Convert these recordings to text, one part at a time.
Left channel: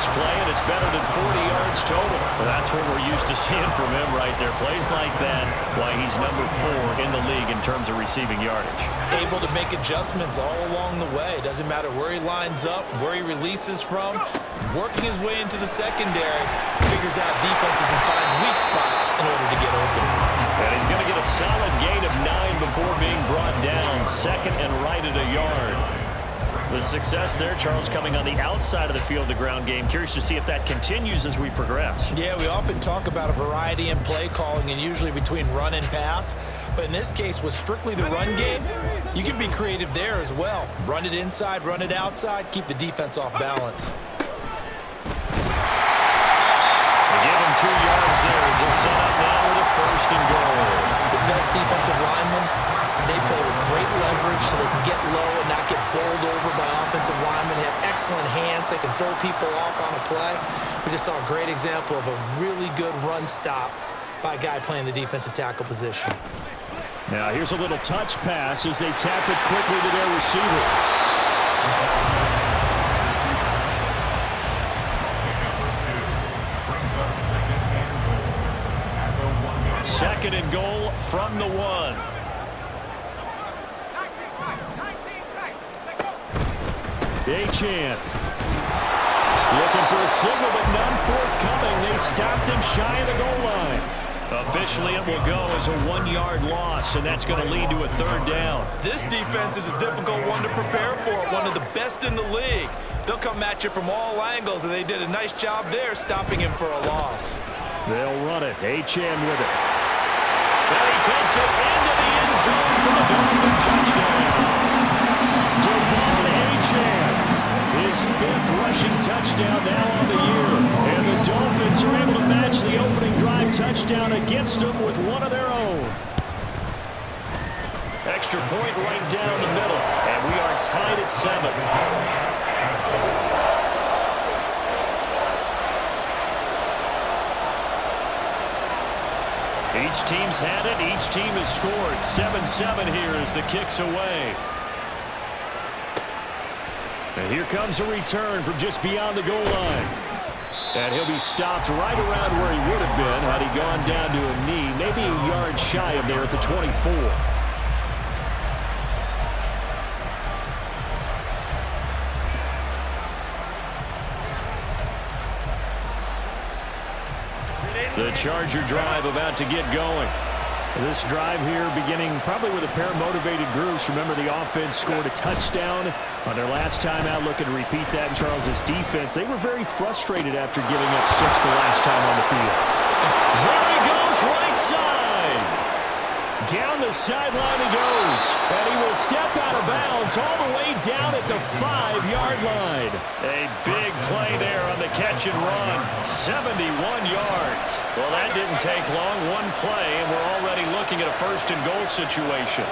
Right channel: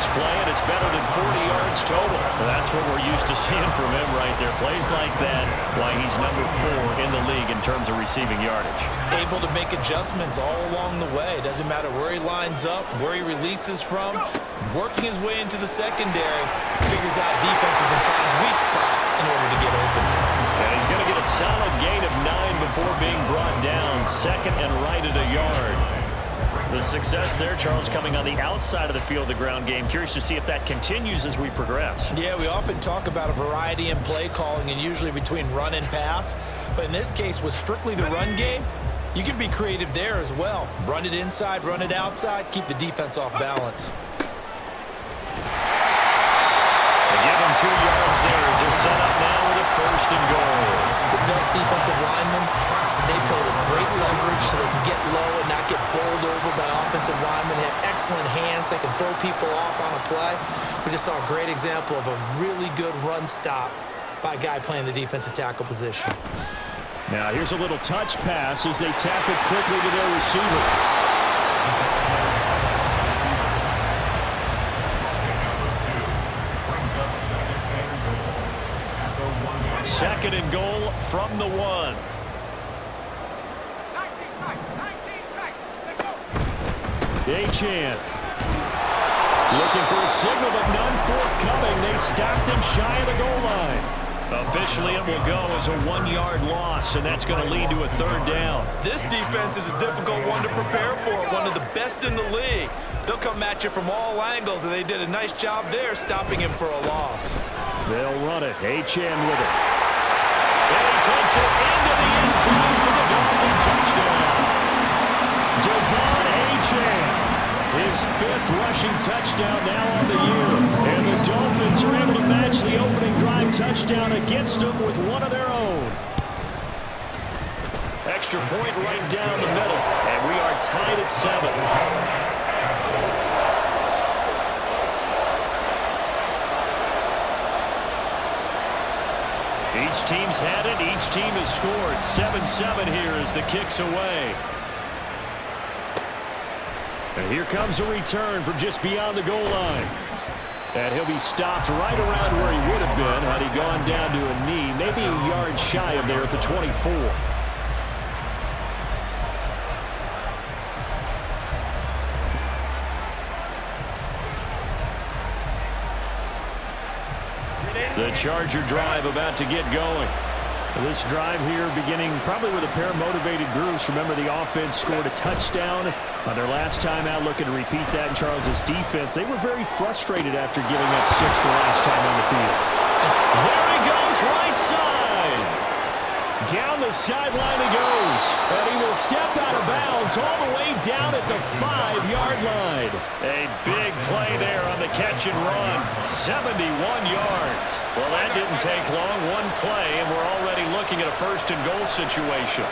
this play, and it's better than 40 yards total. That's what we're used to seeing from him right there. Plays like that, why he's number 4 in the league in terms of receiving yardage. Able to make adjustments all along the way. Doesn't matter where he lines up, where he releases from. Working his way into the secondary, figures out defenses and finds weak spots in order to get open. And he's going to get a solid gain of 9 before being brought down. Second and right at a yard. The success there, Charles, coming on the outside of the field, the ground game. Curious to see if that continues as we progress. Yeah, we often talk about a variety in play calling and usually between run and pass. But in this case, with strictly the run game, you can be creative there as well. Run it inside, run it outside, keep the defense off balance. They give him 2 yards there as they'll set up now with a 1st and goal. The best defensive linemen, they play with great leverage so they can get low and not get bowled over by offensive linemen. They have excellent hands. They can throw people off on a play. We just saw a great example of a really good run stop by a guy playing the defensive tackle position. Now here's a little touch pass as they tap it quickly to their receiver. Second and goal from the 1. Achan looking for a signal, but none forthcoming. They stopped him shy of the goal line. Officially, it will go as a 1-yard loss, and that's going to lead to a 3rd down. This defense is a difficult one to prepare for, one of the best in the league. They'll come at you from all angles, and they did a nice job there stopping him for a loss. They'll run it. Achan with it. And he takes it into the end zone for the Dolphin touchdown. Devon Achan, his 5th rushing touchdown now on the year. And the Dolphins are able to match the opening drive touchdown against them with one of their own. Extra point right down the middle. And we are tied at 7. Each team's had it. Each team has scored. 7-7 here as the kick's away. And here comes a return from just beyond the goal line. And he'll be stopped right around where he would have been had he gone down to a knee. Maybe a yard shy of there at the 24. The Charger drive about to get going. This drive here beginning probably with a pair of motivated groups. Remember, the offense scored a touchdown on their last time out. Looking to repeat that in Charles's defense. They were very frustrated after giving up 6 the last time on the field. There he goes, right side. Down the sideline he goes. And he will step out of bounds all the way down at the 5-yard line. A big play there on the catch and run. 71 yards. Well, that didn't take long. One play, and we're already looking at a 1st and goal situation.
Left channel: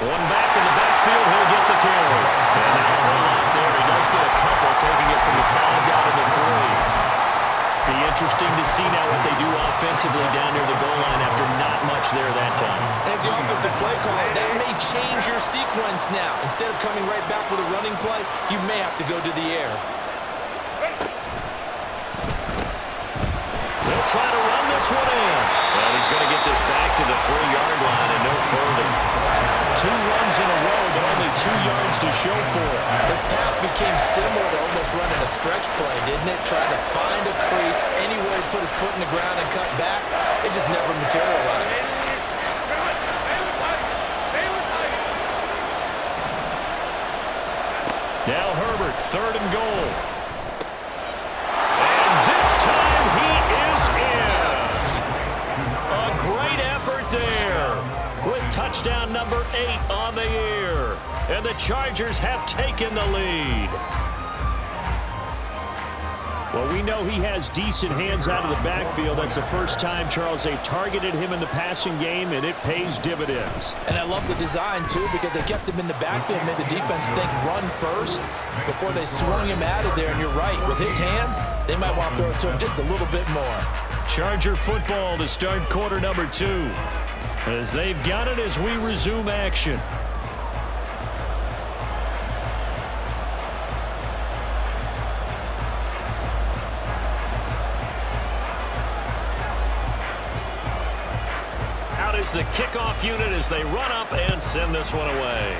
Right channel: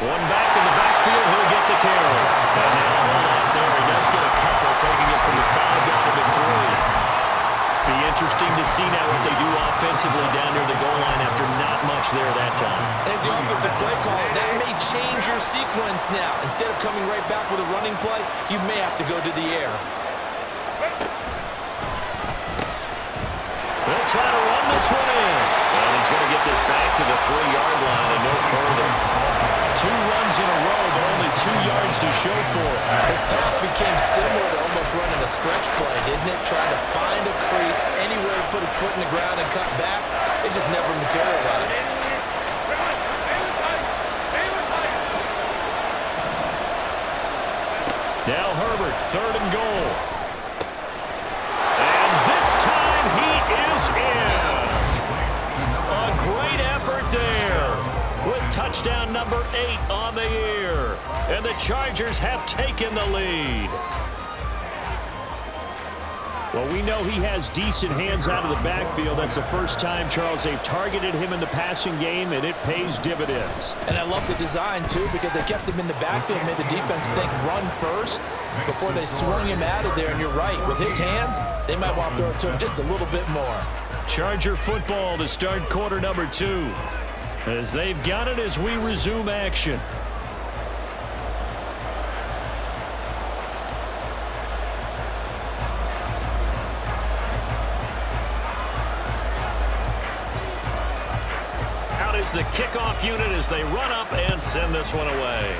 One back in the backfield, he'll get the carry. And now a whole lot there. He does get a couple, taking it from the 5 down to the 3. Be interesting to see now what they do offensively down near the goal line after not much there that time. As the offensive play caller, that may change your sequence now. Instead of coming right back with a running play, you may have to go to the air. They'll try to run this one in. And he's going to get this back to the 3-yard line and no further. 2 runs in a row, but only 2 yards to show for it. His path became similar to almost running a stretch play, didn't it? Trying to find a crease, anywhere to put his foot in the ground and cut back. It just never materialized. Now Herbert, 3rd and goal. And this time he is in. A great effort there with touchdown number 8 on the year. And the Chargers have taken the lead. Well, we know he has decent hands out of the backfield. That's the first time, Charles, they've targeted him in the passing game, and it pays dividends. And I love the design, too, because they kept him in the backfield, made the defense think run first before they swung him out of there. And you're right, with his hands, they might want to throw it to him just a little bit more. Charger football to start quarter number 2. As they've got it as we resume action. Out is the kickoff unit as they run up and send this one away.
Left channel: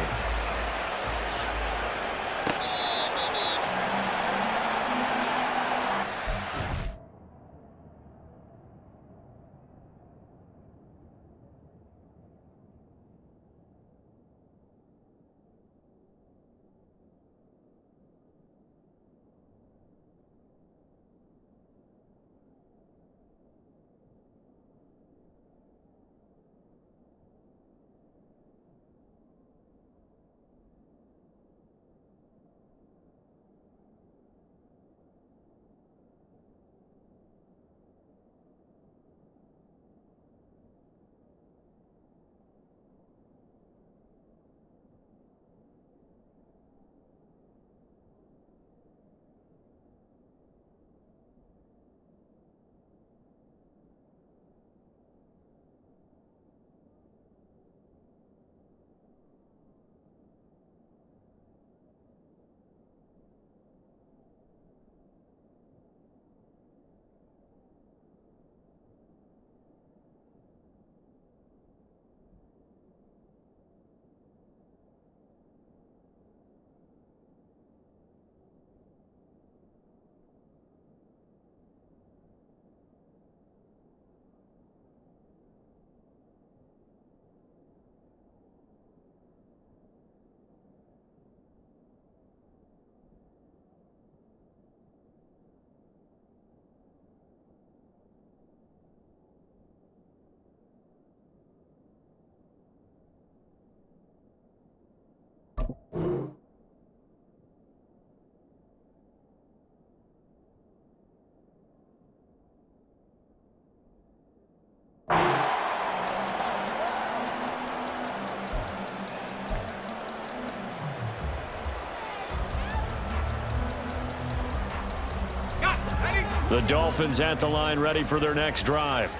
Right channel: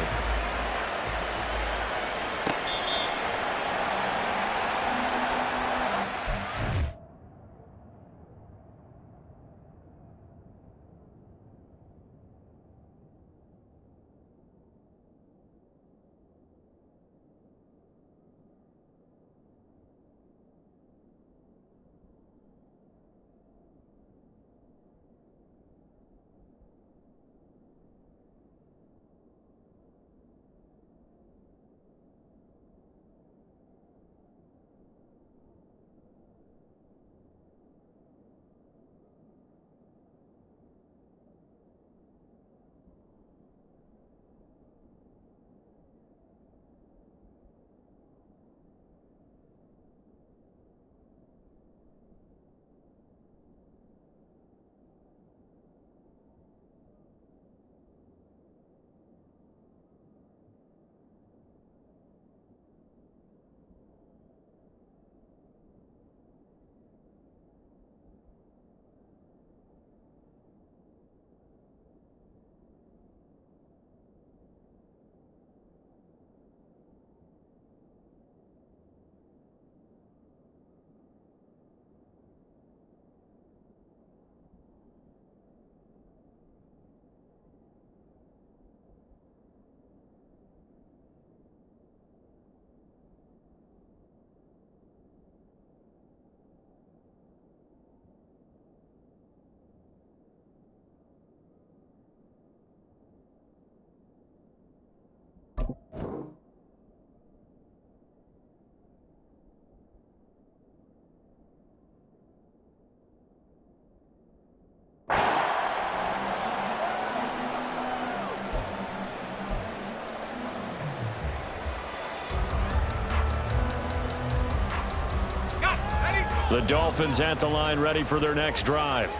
The Dolphins at the line, ready for their next drive.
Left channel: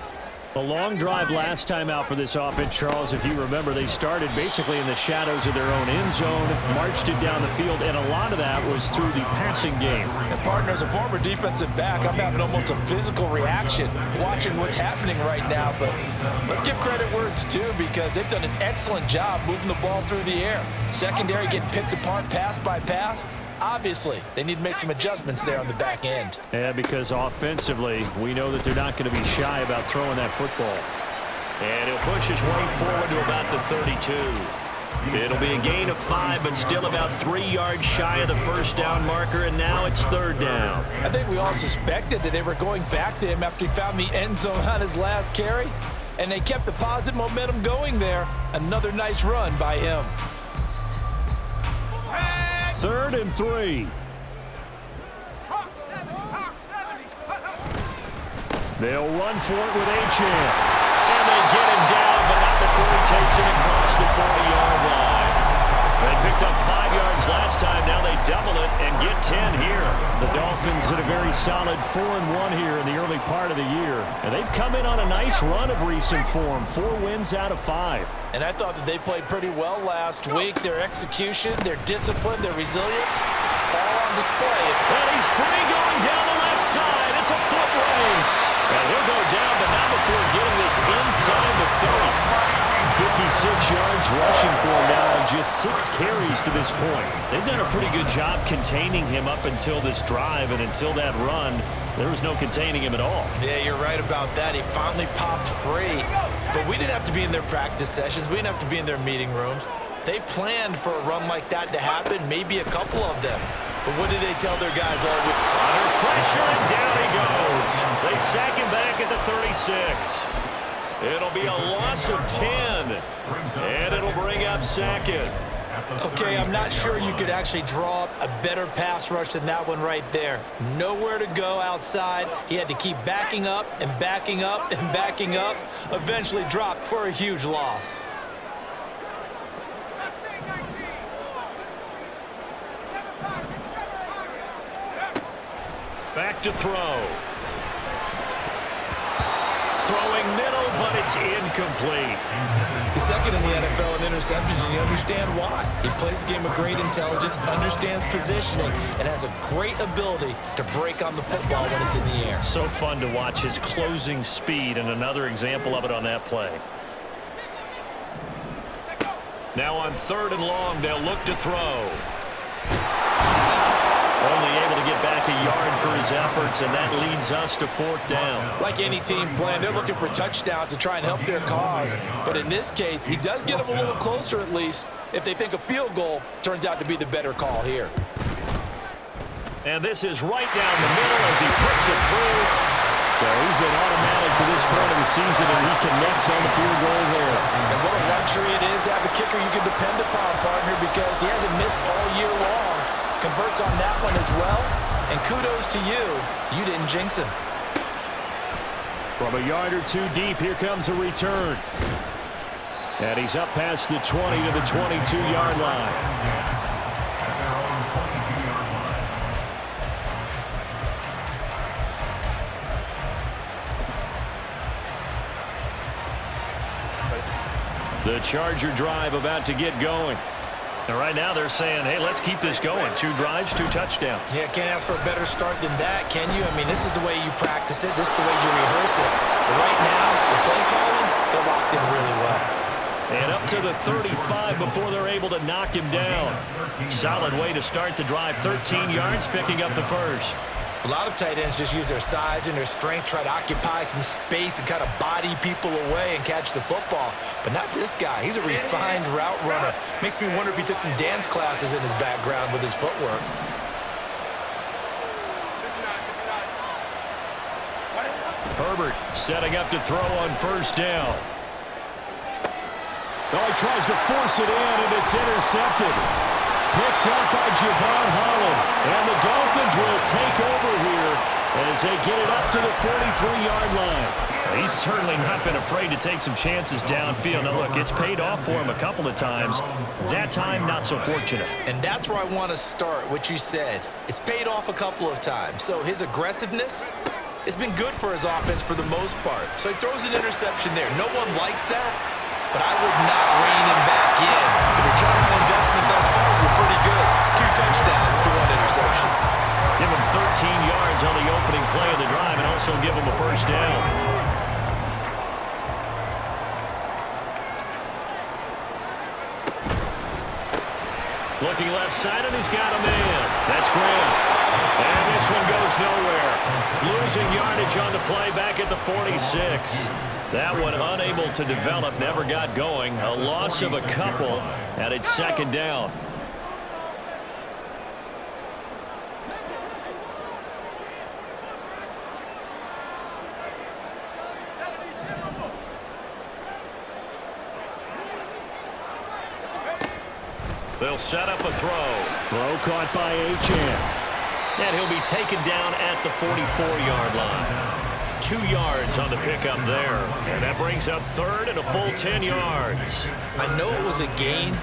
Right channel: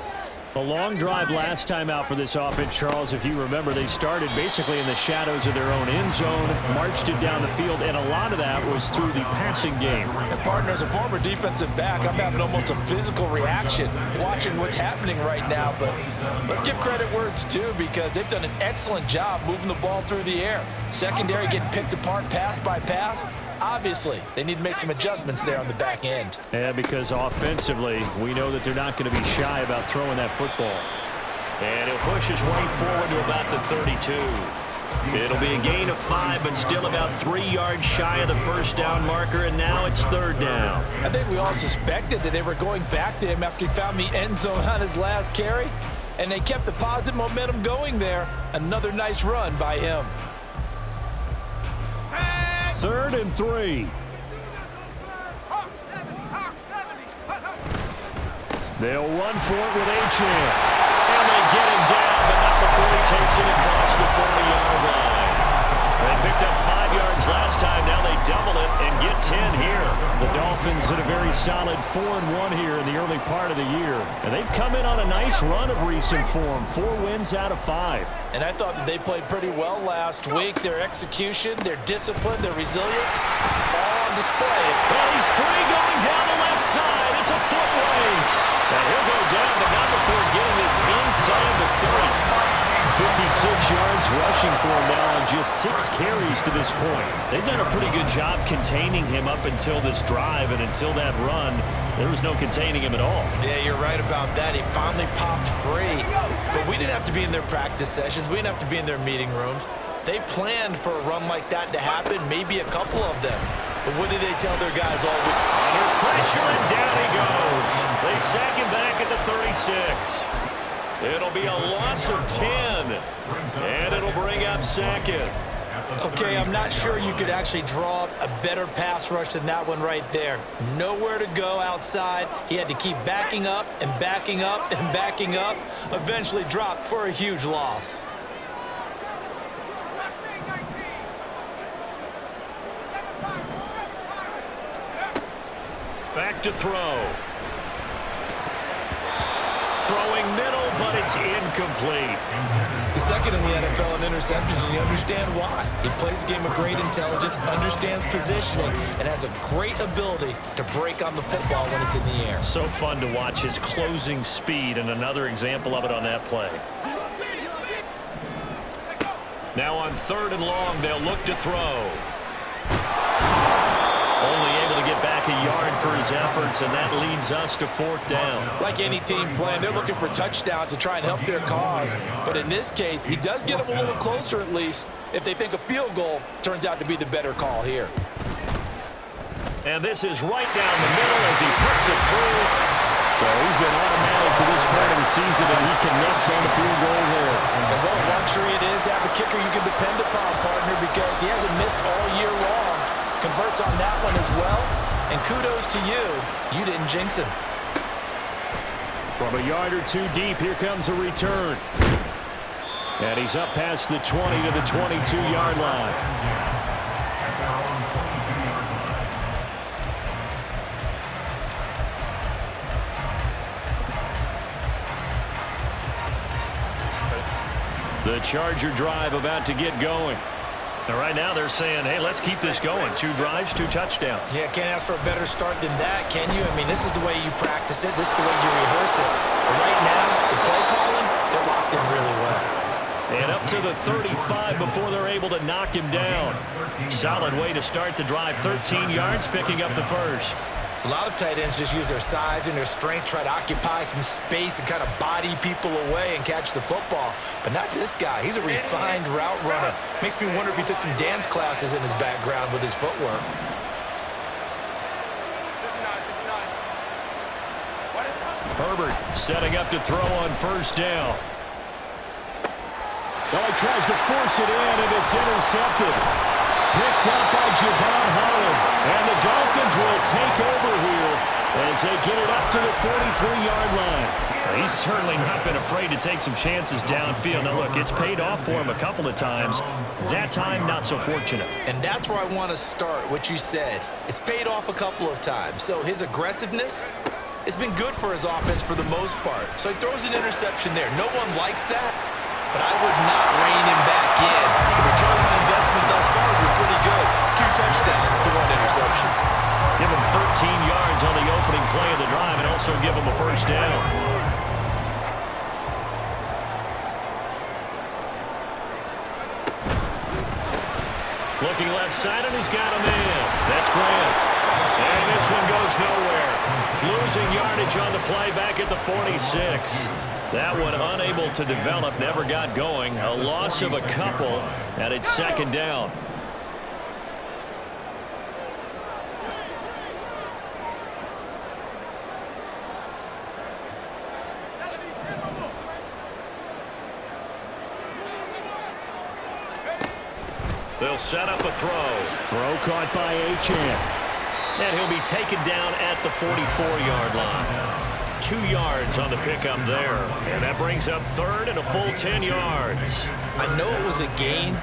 A long drive last time out for this offense, Charles. If you remember, they started basically in the shadows of their own end zone, marched it down the field, and a lot of that was through the passing game. And partner, as a former defensive back, I'm having almost a physical reaction watching what's happening right now. But let's give credit where it's due, because they've done an excellent job moving the ball through the air. Secondary getting picked apart pass by pass. Obviously, they need to make some adjustments there on the back end. Yeah, because offensively, we know that they're not going to be shy about throwing that football. And he'll push his way forward to about the 32. It'll be a gain of 5, but still about 3 yards shy of the first down marker, and now it's third down. I think we all suspected that they were going back to him after he found the end zone on his last carry, and they kept the positive momentum going there. Another nice run by him. 3rd and 3. They'll run for it with Achane. And they get him down, but not before he takes it across the 40-yard line. They picked up 5 yards last time. Now they double it and get 10 here. The Dolphins in a very solid 4-1 here in the early part of the year. And they've come in on a nice run of recent form. 4 wins out of 5. And I thought that they played pretty well last week. Their execution, their discipline, their resilience, all on display. And he's free going down the left side. It's a foot race. And he'll go down, but not before getting this inside the 30. 56 yards rushing for him now on just 6 carries to this point. They've done a pretty good job containing him up until this drive, and until that run, there was no containing him at all. Yeah, you're right about that. He finally popped free. But we didn't have to be in their practice sessions. We didn't have to be in their meeting rooms. They planned for a run like that to happen, maybe a couple of them. But what did they tell their guys all week? Under pressure, and down he goes. They sack him back at the 36. It'll be a loss of 10, and it'll bring up 2nd. Okay, I'm not sure you could actually draw up a better pass rush than that one right there. Nowhere to go outside. He had to keep backing up and backing up and backing up. Eventually dropped for a huge loss. Back to throw. Throwing middle, but it's incomplete. He's second in the NFL in interceptions, and you understand why. He plays a game of great intelligence, understands positioning, and has a great ability to break on the football when it's in the air. So fun to watch his closing speed, and another example of it on that play. Now on 3rd and long, they'll look to throw. Only able to get back a yard for his efforts, and that leads us to 4th down. Like any team playing, they're looking for touchdowns to try and help their cause. But in this case, he does get them a little closer at least if they think a field goal turns out to be the better call here. And this is right down the middle as he puts it through. So he's been automatic to this point of the season, and he connects on the field goal there. And what a luxury it is to have a kicker you can depend upon, partner, because he hasn't missed all year long. Converts on that one as well. And kudos to you. You didn't jinx him. From a yard or two deep, here comes a return. And he's up past the 20 to the 22-yard line. The Charger drive about to get going. And right now they're saying, hey, let's keep this going. 2 drives, 2 touchdowns. Yeah, can't ask for a better start than that, can you? I mean, this is the way you practice it. This is the way you rehearse it. But right now, the play calling, they're locked in really well. And up to the 35 before they're able to knock him down. Solid way to start the drive. 13 yards, picking up the first. A lot of tight ends just use their size and their strength, try to occupy some space and kind of body people away and catch the football. But not this guy. He's a refined route runner. Makes me wonder if he took some dance classes in his background with his footwork. Herbert setting up to throw on 1st down. Oh, he tries to force it in, and it's intercepted. Picked up by Javon Holland. And the Dolphins will take over here as they get it up to the 43-yard line. He's certainly not been afraid to take some chances downfield. Now, look, it's paid off for him a couple of times. That time, not so fortunate. And that's where I want to start, what you said. It's paid off a couple of times. So his aggressiveness has been good for his offense for the most part. So he throws an interception there. No one likes that, but I would not rein him back in. The return on investment thus far has been pretty good. 2 touchdowns to 1 interception. Give him 13 yards on the opening play of the drive and also give him a 1st down. Looking left side, and he's got a man. That's Graham. And this one goes nowhere. Losing yardage on the play back at the 46. That one unable to develop, never got going. A loss of a couple, and it's 2nd down. They'll set up a throw. Throw caught by Achane. And he'll be taken down at the 44-yard line. 2 yards on the pickup there. And that brings up 3rd and a full 10 yards. I know it was a gain,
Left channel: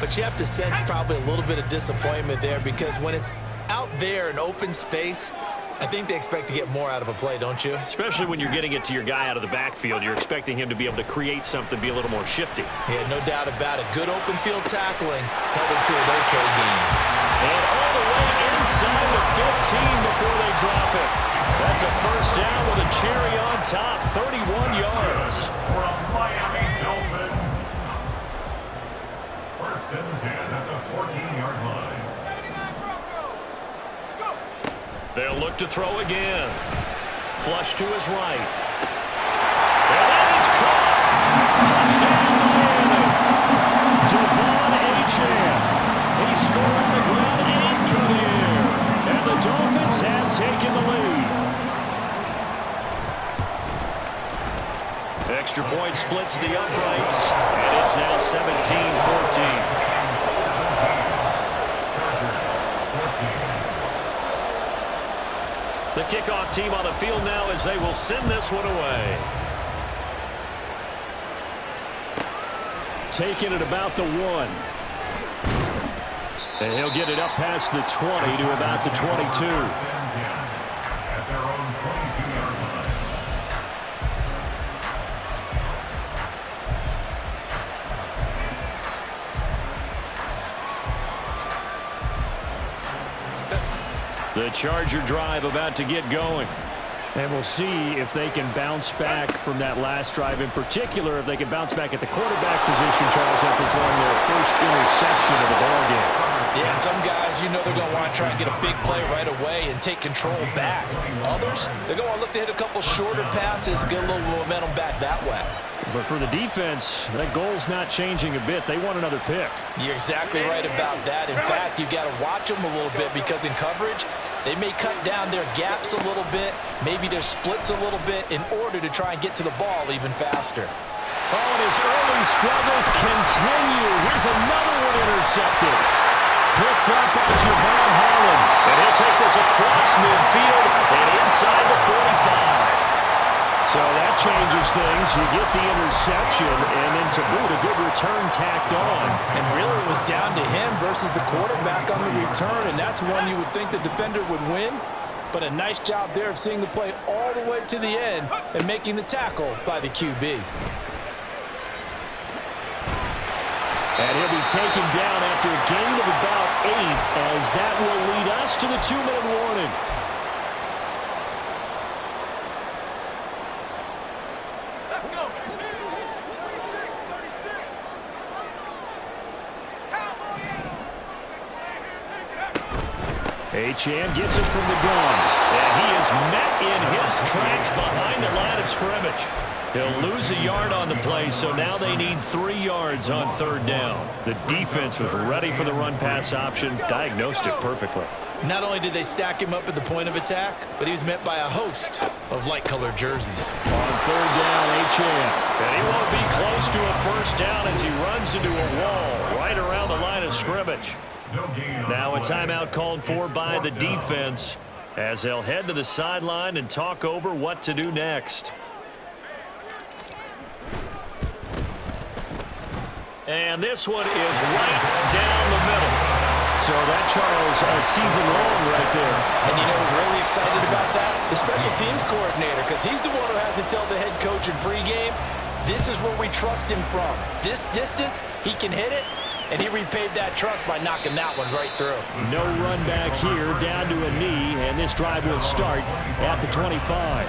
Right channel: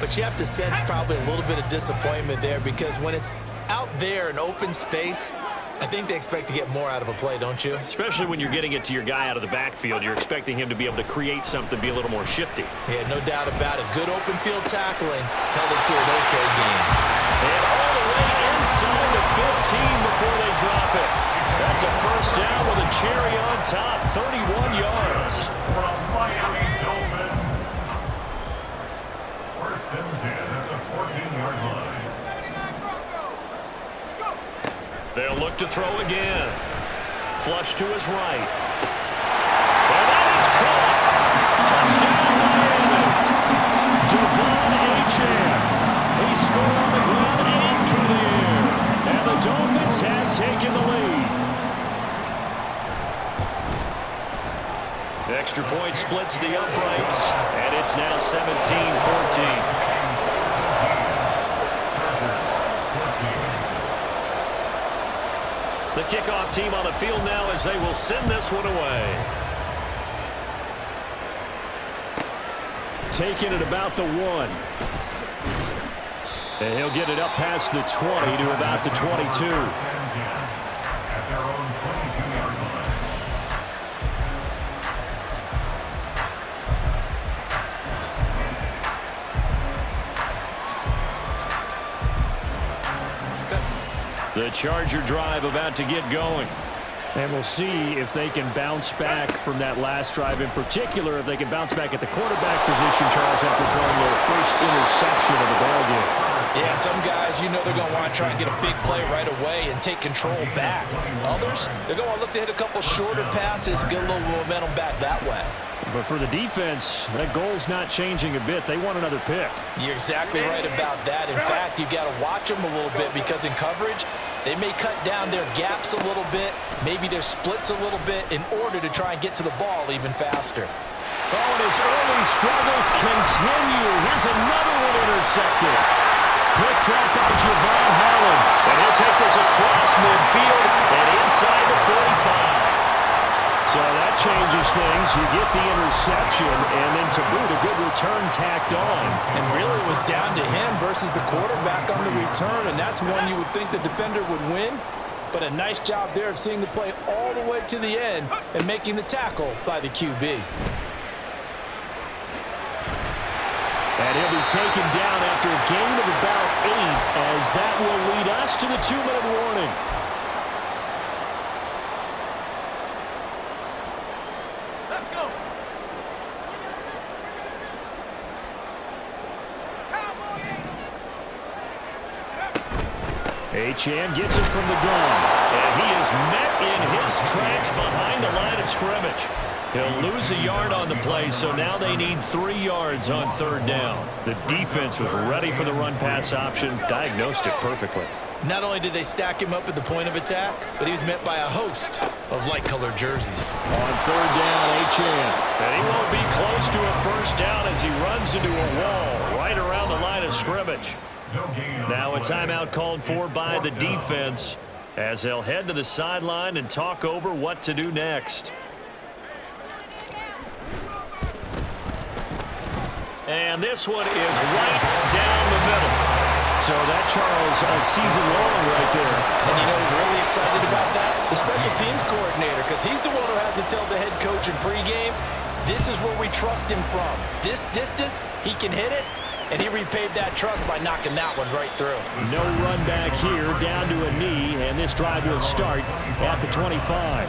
but you have to sense probably a little bit of disappointment there because when it's out there in open space, I think they expect to get more out of a play, don't you? Especially when you're getting it to your guy out of the backfield. You're expecting him to be able to create something, be a little more shifty. Yeah, no doubt about it. Good open field tackling held it to an okay game. And all the way inside the 15 before they drop it. That's a 1st down with a cherry on top, 31 yards. For a Miami Dolphin. 1st and 10 at the 14-yard line. They'll look to throw again. Flush to his right. And that is caught. Touchdown, Miami. Devon Achane. He scored on the ground and through the air. And the Dolphins have taken the lead. Extra point splits the uprights. And it's now 17-14. The kickoff team on the field now as they will send this one away. Taking it about the 1. And he'll get it up past the 20 to about the 22. At their own 22-yard line. The Charger drive about to get going. And we'll see if they can bounce back from that last drive, in particular if they can bounce back at the quarterback position, Charles, after throwing their first interception of the ballgame. Yeah, some guys, you know they're going to want to try and get a big play right away and take control back. Others, they're going to want to look to hit a couple shorter passes, get a little momentum back that way. But for the defense, that goal's not changing a bit. They want another pick. You're exactly right about that. In fact, you got to watch them a little bit because in coverage, they may cut down their gaps a little bit, maybe their splits a little bit in order to try and get to the ball even faster. Oh, and his early struggles continue. Here's another one intercepted. Picked up by Javon Holland. And he'll take this across midfield and inside the 45. So that changes things. You get the interception, and then to boot, a good return tacked on. And really it was down to him versus the quarterback on the return, and that's one you would think the defender would win. But a nice job there of seeing the play all the way to the end and making the tackle by the QB. And he'll be taken down after a gain of about 8, as that will lead us to the 2-minute warning. Let's go. Achane gets it from the gun. And he is met in his tracks behind the line of scrimmage. He'll lose a yard on the play, so now they need 3 yards on 3rd down. The defense was ready for the run-pass option, diagnosed it perfectly. Not only did they stack him up at the point of attack, but he was met by a host of light-colored jerseys. On 3rd down, Achane. And he won't be close to a first down as he runs into a wall right around the line of scrimmage. Now a timeout called for by the defense as they'll head to the sideline and talk over what to do next. And this one is right down the middle. So that, Charles, a season long right there. And you know who's really excited about that? The special teams coordinator, because he's the one who has to tell the head coach in pregame, this is where we trust him from. This distance, he can hit it, and he repaid that trust by knocking that one right through. No run back here, down to a knee, and this drive will start at the 25.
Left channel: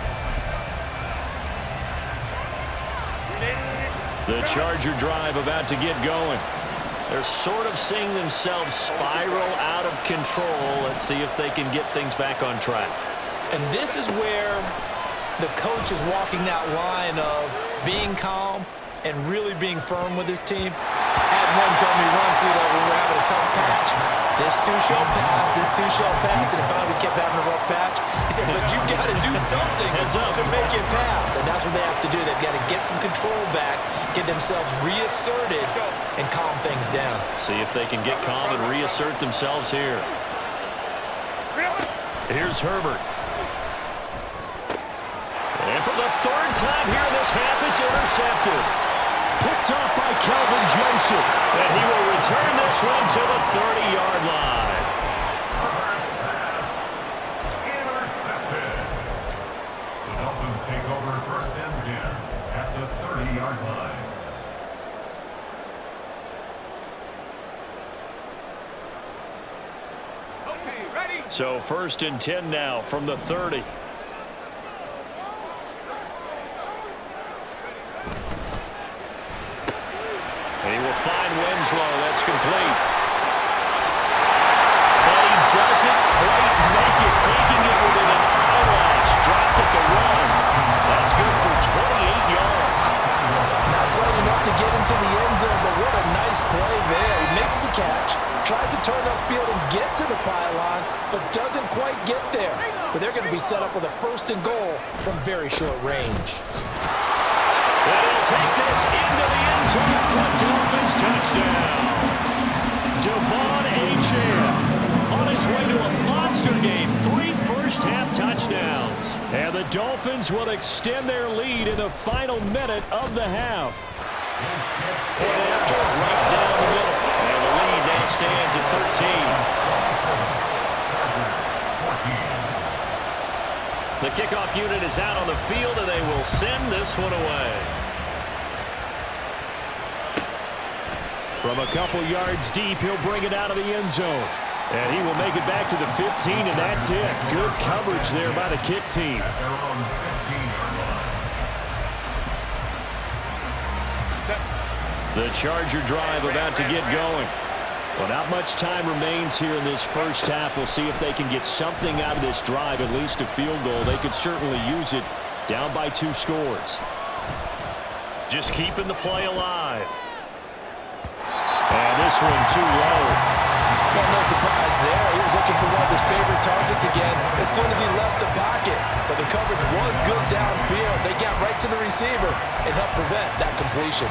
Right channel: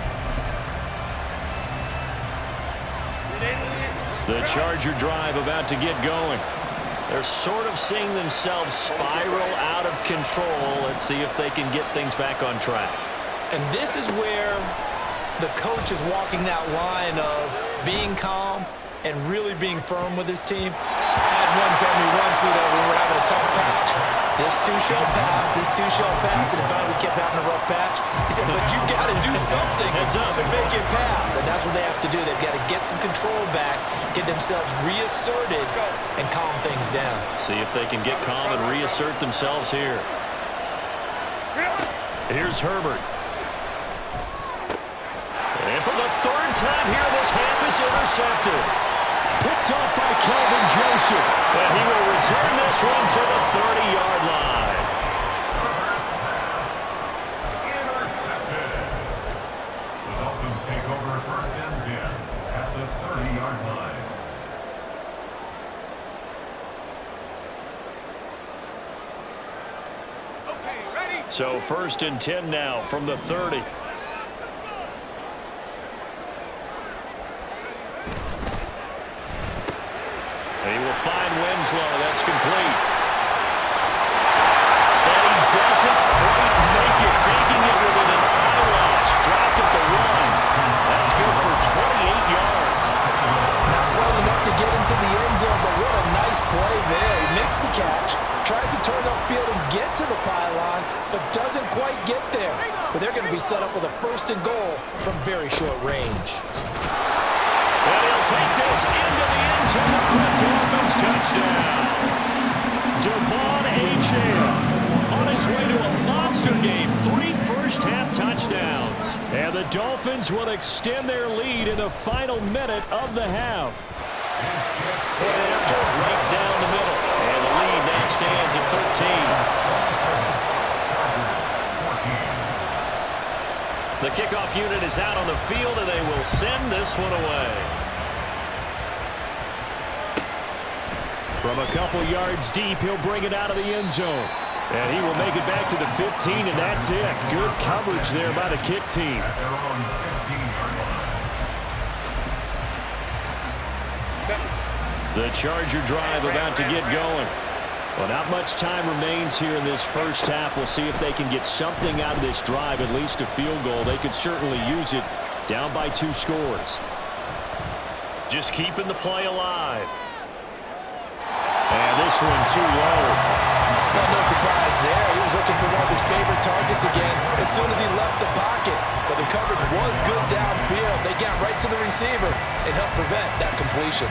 The Charger drive about to get going. They're sort of seeing themselves spiral out of control. Let's see if they can get things back on track. And this is where the coach is walking that line of being calm and really being firm with his team. I had one tell me once, when we were having a tough patch, this too shall pass, this too shall pass, and finally we kept having a rough patch. He said, but you got to do something to make it pass, and that's what they have to do. They've got to get some control back, get themselves reasserted, and calm things down. See if they can get calm and reassert themselves here. Here's Herbert. And for the 3rd time here in this half, it's intercepted. Picked off by Kelvin Joseph. And he will return this one to the 30-yard line. Intercepted. The Dolphins take over 1st and 10 at the 30-yard line. Okay, ready? So 1st and 10 now from the 30. And he will find Winslow. That's complete. And he doesn't quite make it, taking it within an eyelash. Dropped at the 1. That's good for 28 yards. Not quite enough to get into the end zone, but what a nice play there. He makes the catch, tries to turn upfield and get to the pylon, but doesn't quite get there. But they're going to be set up with a 1st and goal from very short range. And he'll take this into the end zone for a Dolphins touchdown. Devon Achane on his way to a monster game. 3 first-half touchdowns. And the Dolphins will extend their lead in the final minute of the half. Point after, right down the middle. And the lead now stands at 13. The kickoff unit is out on the field, and they will send this one away. From a couple yards deep, he'll bring it out of the end zone. And he will make it back to the 15, and that's it. Good coverage there by the kick team. At their own 15-yard line. The Charger drive about to get going. Well, not much time remains here in this first half. We'll see if they can get something out of this drive, at least a field goal. They could certainly use it, down by 2 scores. Just keeping the play alive. And this one too low. Well, no surprise there. He was looking for one of his favorite targets again as soon as he left the pocket. But the coverage was good downfield. They got right to the receiver and helped prevent that completion.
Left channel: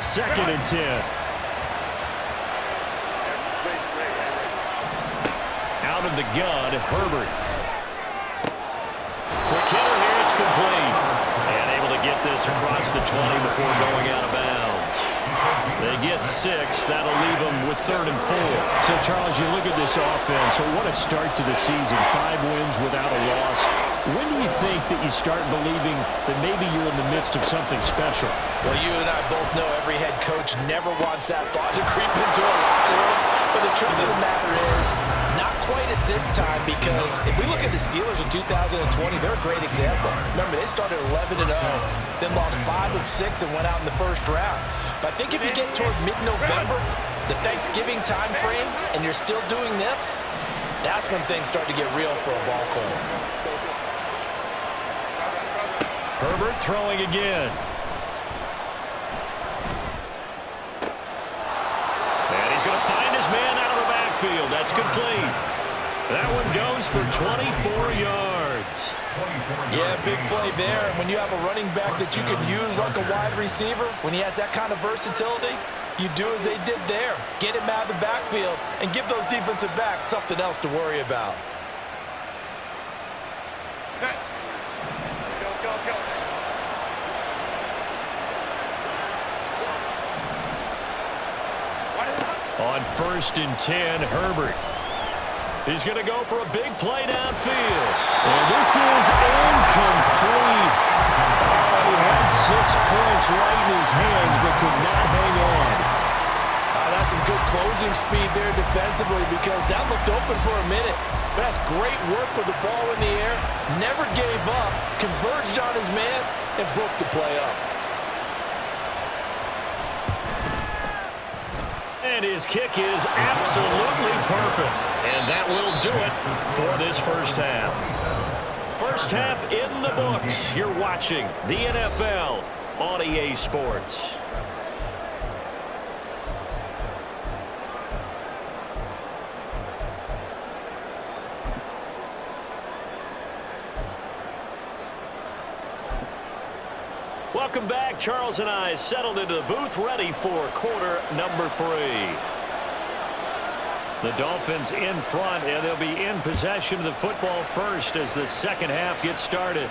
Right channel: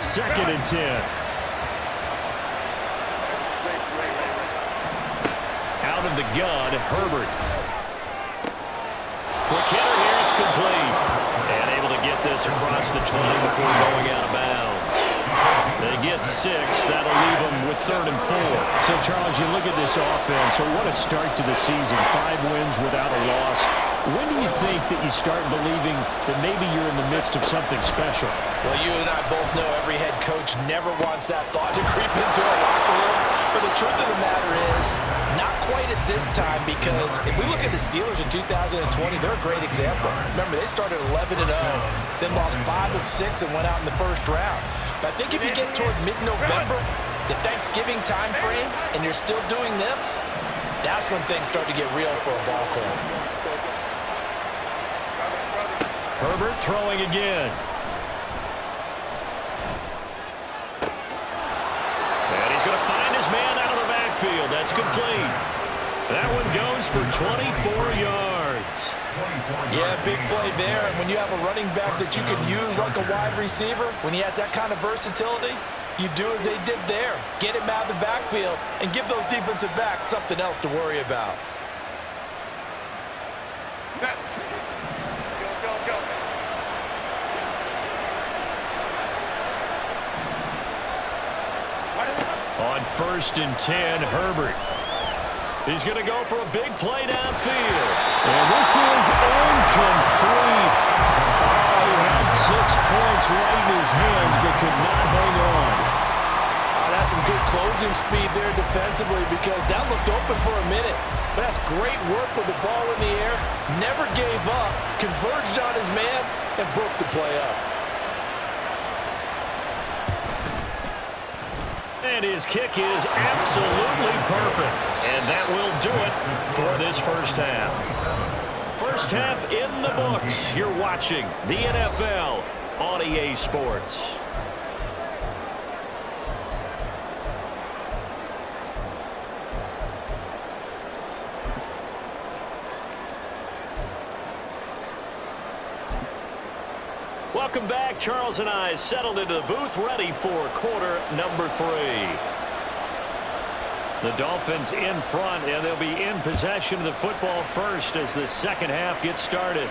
Second and 10. Out of the gun, Herbert. Quick hitter here, it's complete. And able to get this across the 20 before going out of bounds. They get 6. That'll leave them with 3rd and 4. So, Charles, you look at this offense. So what a start to the season. 5 wins without a loss. When do you think that you start believing that maybe you're in the midst of something special? Well, you and I both know every head coach never wants that thought to creep into a locker room. But the truth of the matter is, not quite at this time, because if we look at the Steelers in 2020, they're a great example. Remember, they started 11-0, then lost 5 of 6 and went out in the first round. But I think if you get toward mid-November, the Thanksgiving time frame, and you're still doing this, that's when things start to get real for a ball club. Herbert throwing again. And he's going to find his man out of the backfield. That's complete. That one goes for 24 yards. Yeah, big play there. And when you have a running back that you can use like a wide receiver, when he has that kind of versatility, you do as they did there. Get him out of the backfield and give those defensive backs something else to worry about. Set. Go. On 1st and 10, Herbert. He's going to go for a big play downfield. And this is incomplete. Oh, he had 6 points right in his hands, but could not hang on. That's some good closing speed there defensively, because that looked open for a minute. But that's great work with the ball in the air. Never gave up, converged on his man, and broke the play up. And his kick is absolutely perfect. And that will do it for this first half. First half in the books. You're watching the NFL on EA Sports. Welcome back. Charles and I settled into the booth, ready for quarter number 3. The Dolphins in front, and they'll be in possession of the football first as the second half gets started.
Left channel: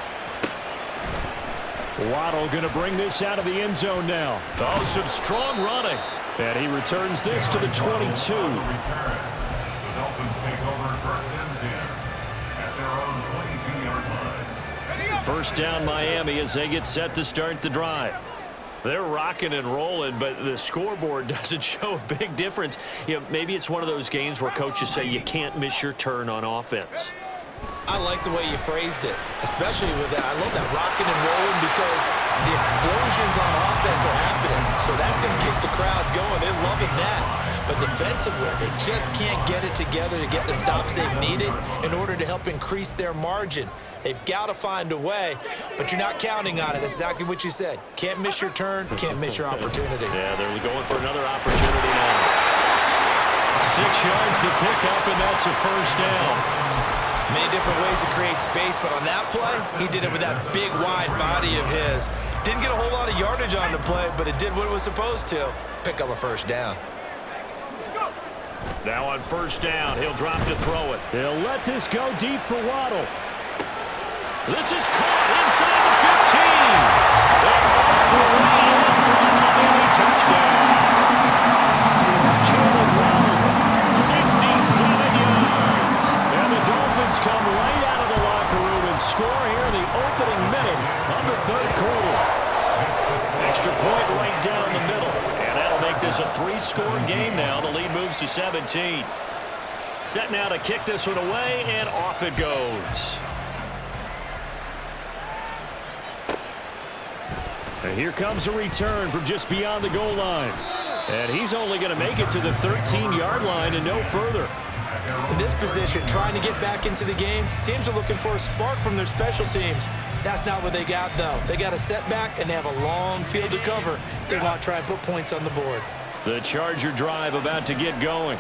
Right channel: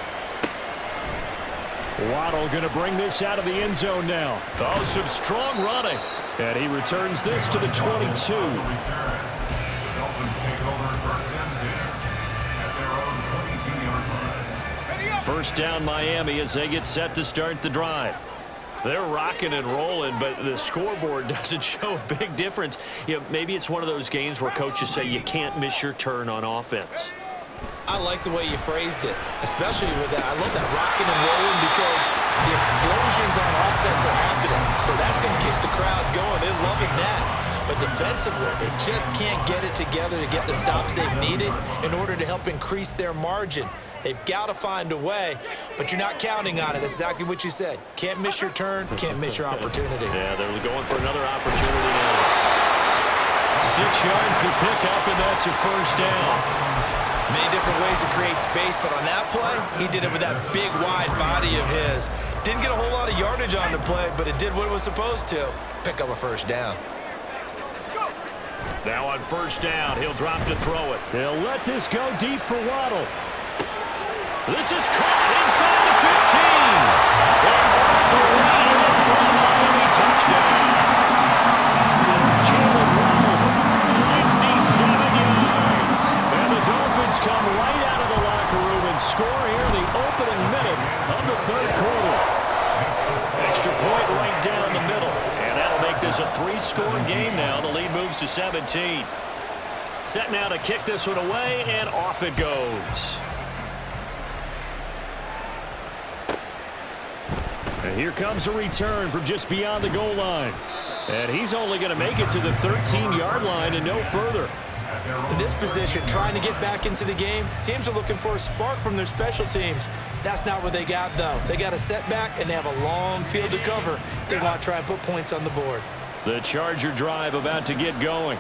Waddle going to bring this out of the end zone now. Oh, some strong running. And he returns this to the 22. The Dolphins take over 1st and 10 at their own 22-yard line. First down Miami as they get set to start the drive. They're rocking and rolling, but the scoreboard doesn't show a big difference. You know, maybe it's one of those games where coaches say you can't miss your turn on offense. I like the way you phrased it, especially with that. I love that rocking and rolling, because the explosions on offense are happening. So that's going to keep the crowd going. They're loving that. But defensively, they just can't get it together to get the stops they've needed in order to help increase their margin. They've got to find a way, but you're not counting on it. That's exactly what you said. Can't miss your turn, can't miss your opportunity. Yeah, they're going for another opportunity now. 6 yards the pickup, and that's a first down. Many different ways to create space, but on that play, he did it with that big, wide body of his. Didn't get a whole lot of yardage on the play, but it did what it was supposed to. Pick up a first down. Now on first down, he'll drop to throw it. He'll let this go deep for Waddle. This is caught inside the 15. And all the way in for a Miami touchdown. Jalen Waddle, 67 yards. And the Dolphins come right out of the locker room and score here in the opening minute of the third quarter. Extra point right down the middle. And that'll make this a 3-score game now. The lead moves to 17. Set now to kick this one away, and off it goes. And here comes a return from just beyond the goal line. And he's only going to make it to the 13-yard line and no further. In this position, trying to get back into the game, teams are looking for a spark from their special teams. That's not what they got, though. They got a setback, and they have a long field to cover if they want to try and put points on the board. The Charger drive about to get going.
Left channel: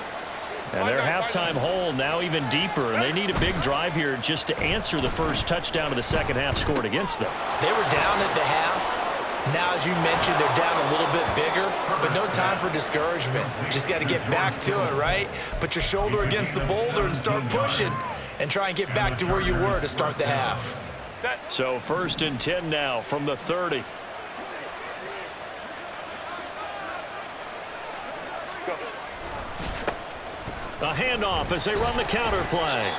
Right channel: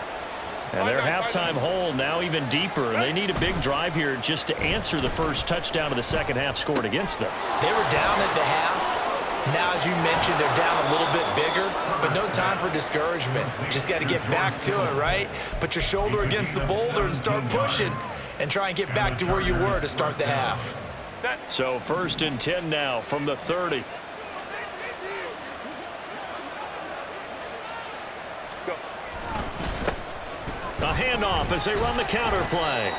And their halftime hole now even deeper, and they need a big drive here just to answer the first touchdown of the second half scored against them. They were down at the half. Now, as you mentioned, they're down a little bit bigger, but no time for discouragement. Just got to get back to it, right? Put your shoulder against the boulder and start pushing and try and get back to where you were to start the half. So 1st and 10 now from the 30. A handoff as they run the counter play.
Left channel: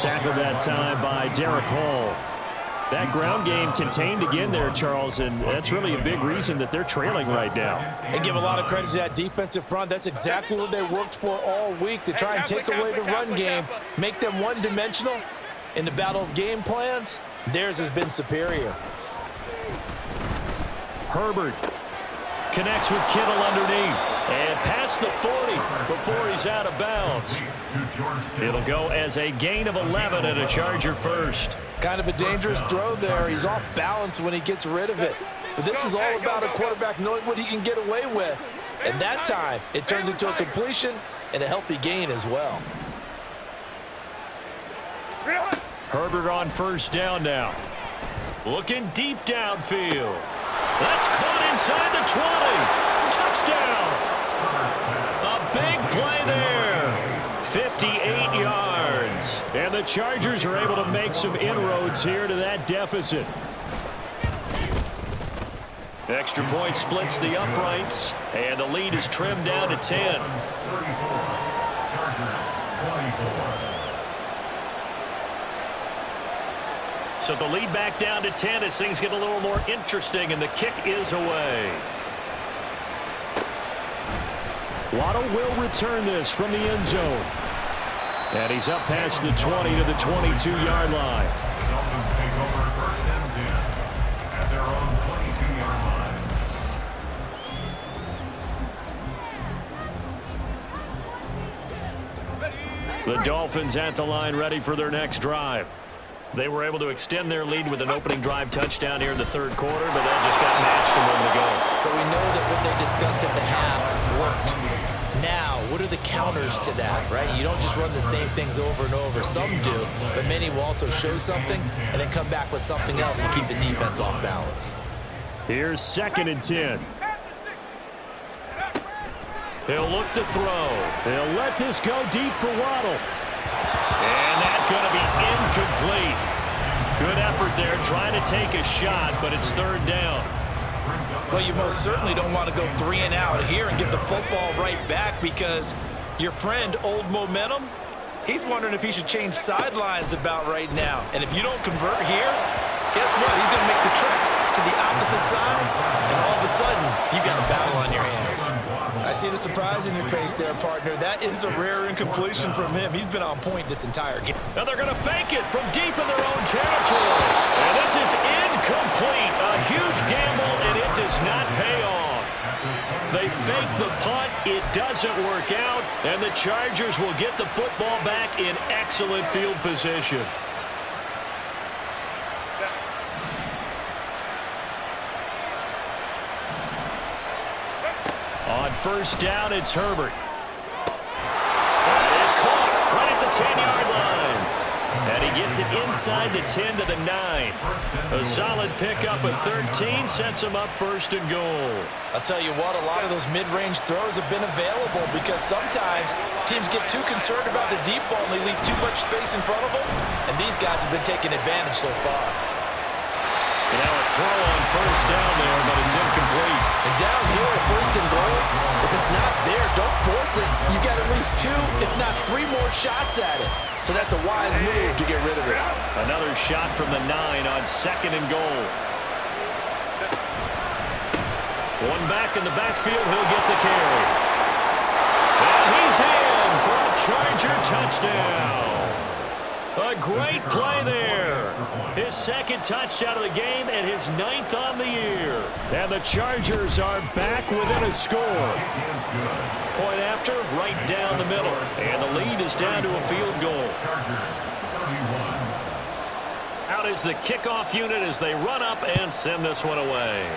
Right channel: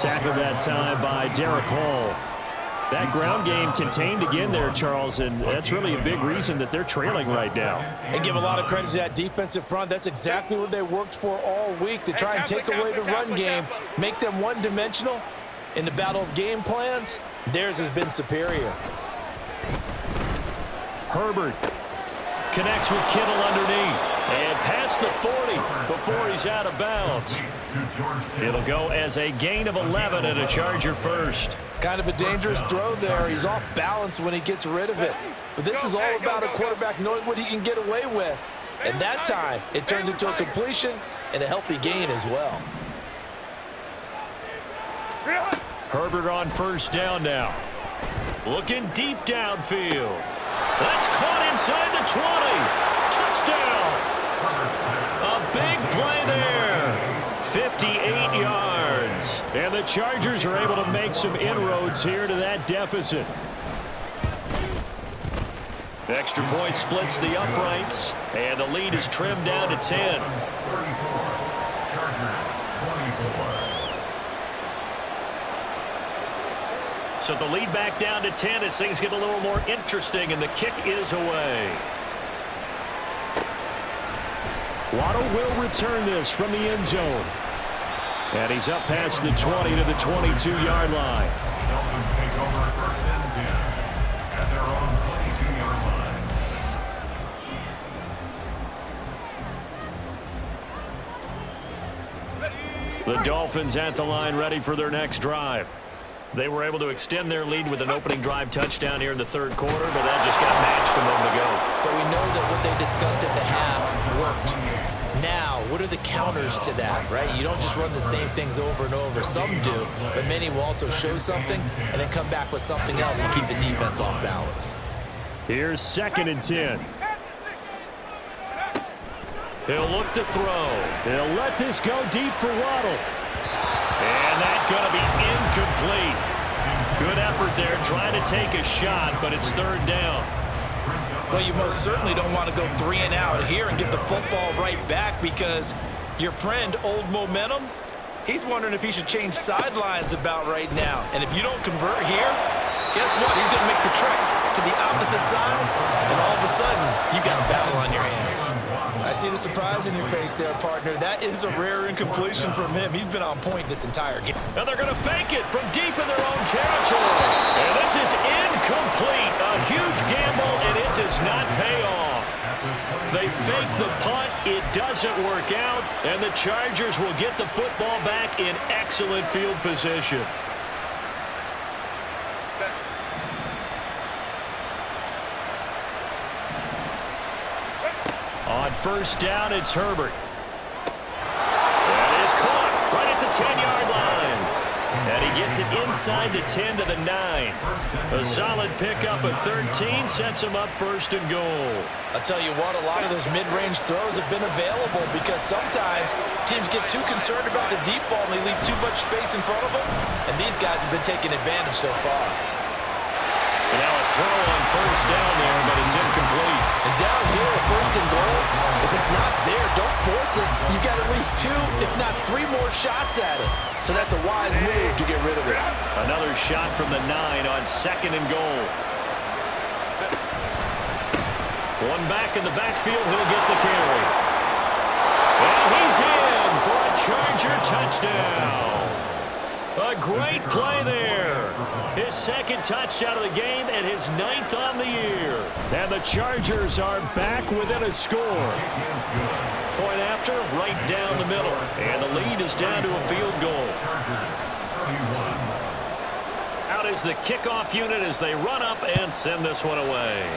Tackled that time by Derek Hall. That ground game contained again there, Charles, and that's really a big reason that they're trailing right now. And give a lot of credit to that defensive front. That's exactly what they worked for all week, to try and take away the run game, make them one-dimensional. In the battle of game plans, theirs has been superior. Herbert connects with Kittle underneath and past the 40 before he's out of bounds. It'll go as a gain of 11 and a Charger first. Kind of a dangerous throw there. He's off balance when he gets rid of it. But this is all about a quarterback knowing what he can get away with. And that time, it turns into a completion and a healthy gain as well. Herbert on 1st down now. Looking deep downfield. That's caught inside the 20. Touchdown. A big play there. 58 yards. And the Chargers are able to make some inroads here to that deficit. Extra point splits the uprights, and the lead is trimmed down to 10. So the lead back down to 10 as things get a little more interesting, and the kick is away. Waddle will return this from the end zone. And he's up past the 20 to the 22-yard line. The Dolphins take over 1st and 10 at their own 22-yard line. The Dolphins at the line ready for their next drive. They were able to extend their lead with an opening drive touchdown here in the third quarter, but that just got matched a moment ago. So we know that what they discussed at the half worked. Now, what are the counters to that, right? You don't just run the same things over and over. Some do, but many will also show something and then come back with something else to keep the defense off balance. Here's 2nd and 10. He'll look to throw. He'll let this go deep for Waddle. And that's going to be incomplete. Good effort there trying to take a shot, but it's 3rd down. Well, you most certainly don't want to go 3 and out here and get the football right back, because your friend, Old Momentum, he's wondering if he should change sidelines about right now. And if you don't convert here, guess what? He's going to make the trek to the opposite side, and all of a sudden, you've got a battle on your hands. I see the surprise in your face there, partner. That is a rare incompletion from him. He's been on point this entire game. And they're going to fake it from deep in their own territory. And this is incomplete. A huge gamble, and it does not pay off. They fake the punt. It doesn't work out, and the Chargers will get the football back in excellent field position. On 1st down, it's Herbert. That is caught right at the 10-yard line. And he gets it inside the 10 to the 9. A solid pickup of 13 sets him up 1st and goal. I'll tell you what, a lot of those mid-range throws have been available, because sometimes teams get too concerned about the deep ball and they leave too much space in front of them, and these guys have been taking advantage so far. And now a throw on first down there, but it's incomplete. And down here, first and goal, if it's not there, don't force it. You've got at least 2, if not 3 more shots at it. So that's a wise move to get rid of it. Another shot from the 9 on second and goal. One back in the backfield, he'll get the carry. And he's in for a Charger touchdown. A great play there. His second touchdown of the game and his 9th on the year. And the Chargers are back within a score. Point after, right down the middle. And the lead is down to a field goal. Out is the kickoff unit as they run up and send this one away.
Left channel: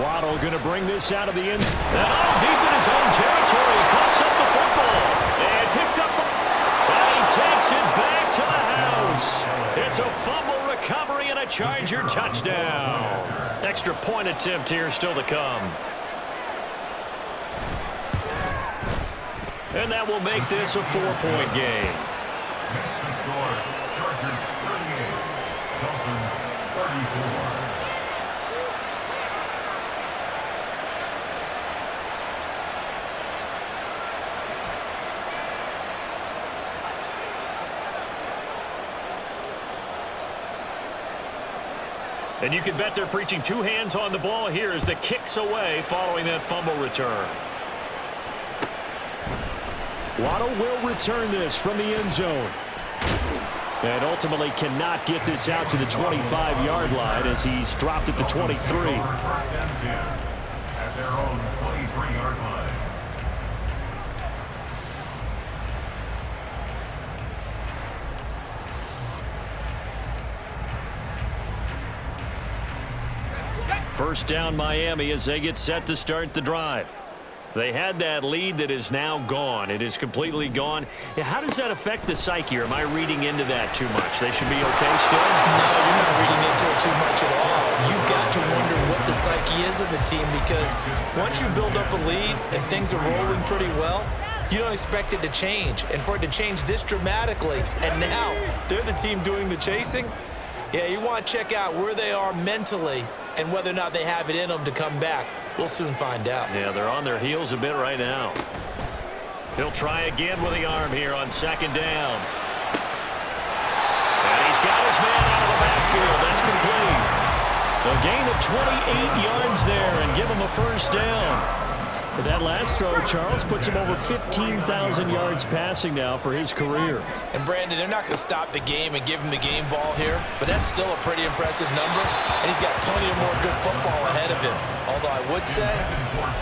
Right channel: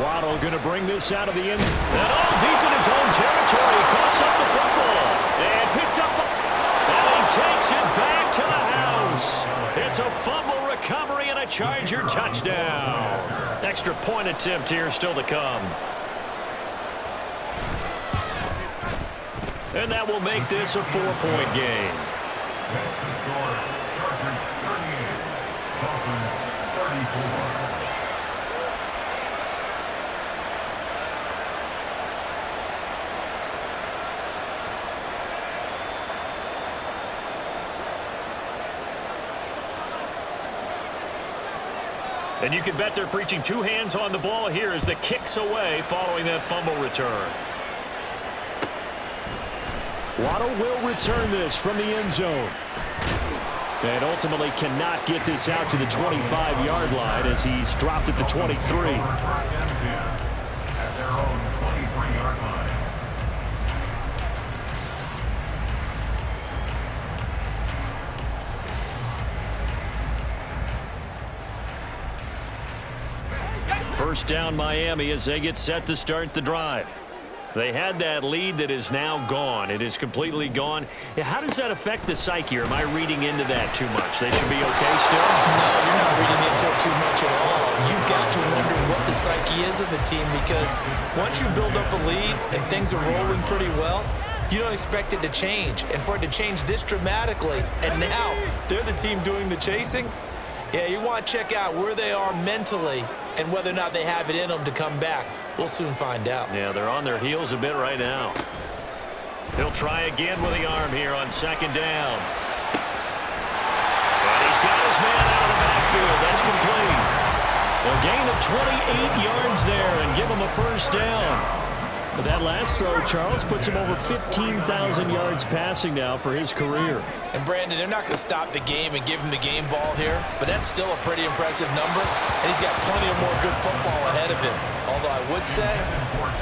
Waddle going to bring this out of the end. And all deep in his own territory. He coughs up the football. And picked up. And he takes it back to the house. It's a fumble recovery and a Charger touchdown. Extra point attempt here still to come. And that will make this a 4-point game. Next to score, Chargers 38, Dolphins 34. And you can bet they're preaching 2 hands on the ball here as the kick's away following that fumble return. Waddle will return this from the end zone. And ultimately cannot get this out to the 25-yard line as he's dropped at the 23. First and 10 at their own 23-yard line. First down Miami as they get set to start the drive. They had that lead that is now gone. It is completely gone. How does that affect the psyche? Or am I reading into that too much? They should be okay still? No, you're not reading into it too much at all. You've got to wonder what the psyche is of the team because once you build up a lead and things are rolling pretty well, you don't expect it to change. And for it to change this dramatically, and now they're the team doing the chasing, yeah, you want to check out where they are mentally and whether or not they have it in them to come back. We'll soon find out. Yeah, they're on their heels a bit right now. He'll try again with the arm here on second down. And he's got his man out of the backfield. That's complete. A gain of 28 yards there and give him a first down. But that last throw, Charles, puts him over 15,000 yards passing now for his career. And, Brandon, they're not going to stop the game and give him the game ball here, but that's still a pretty impressive number, and he's got plenty of more good football ahead of him. Although I would say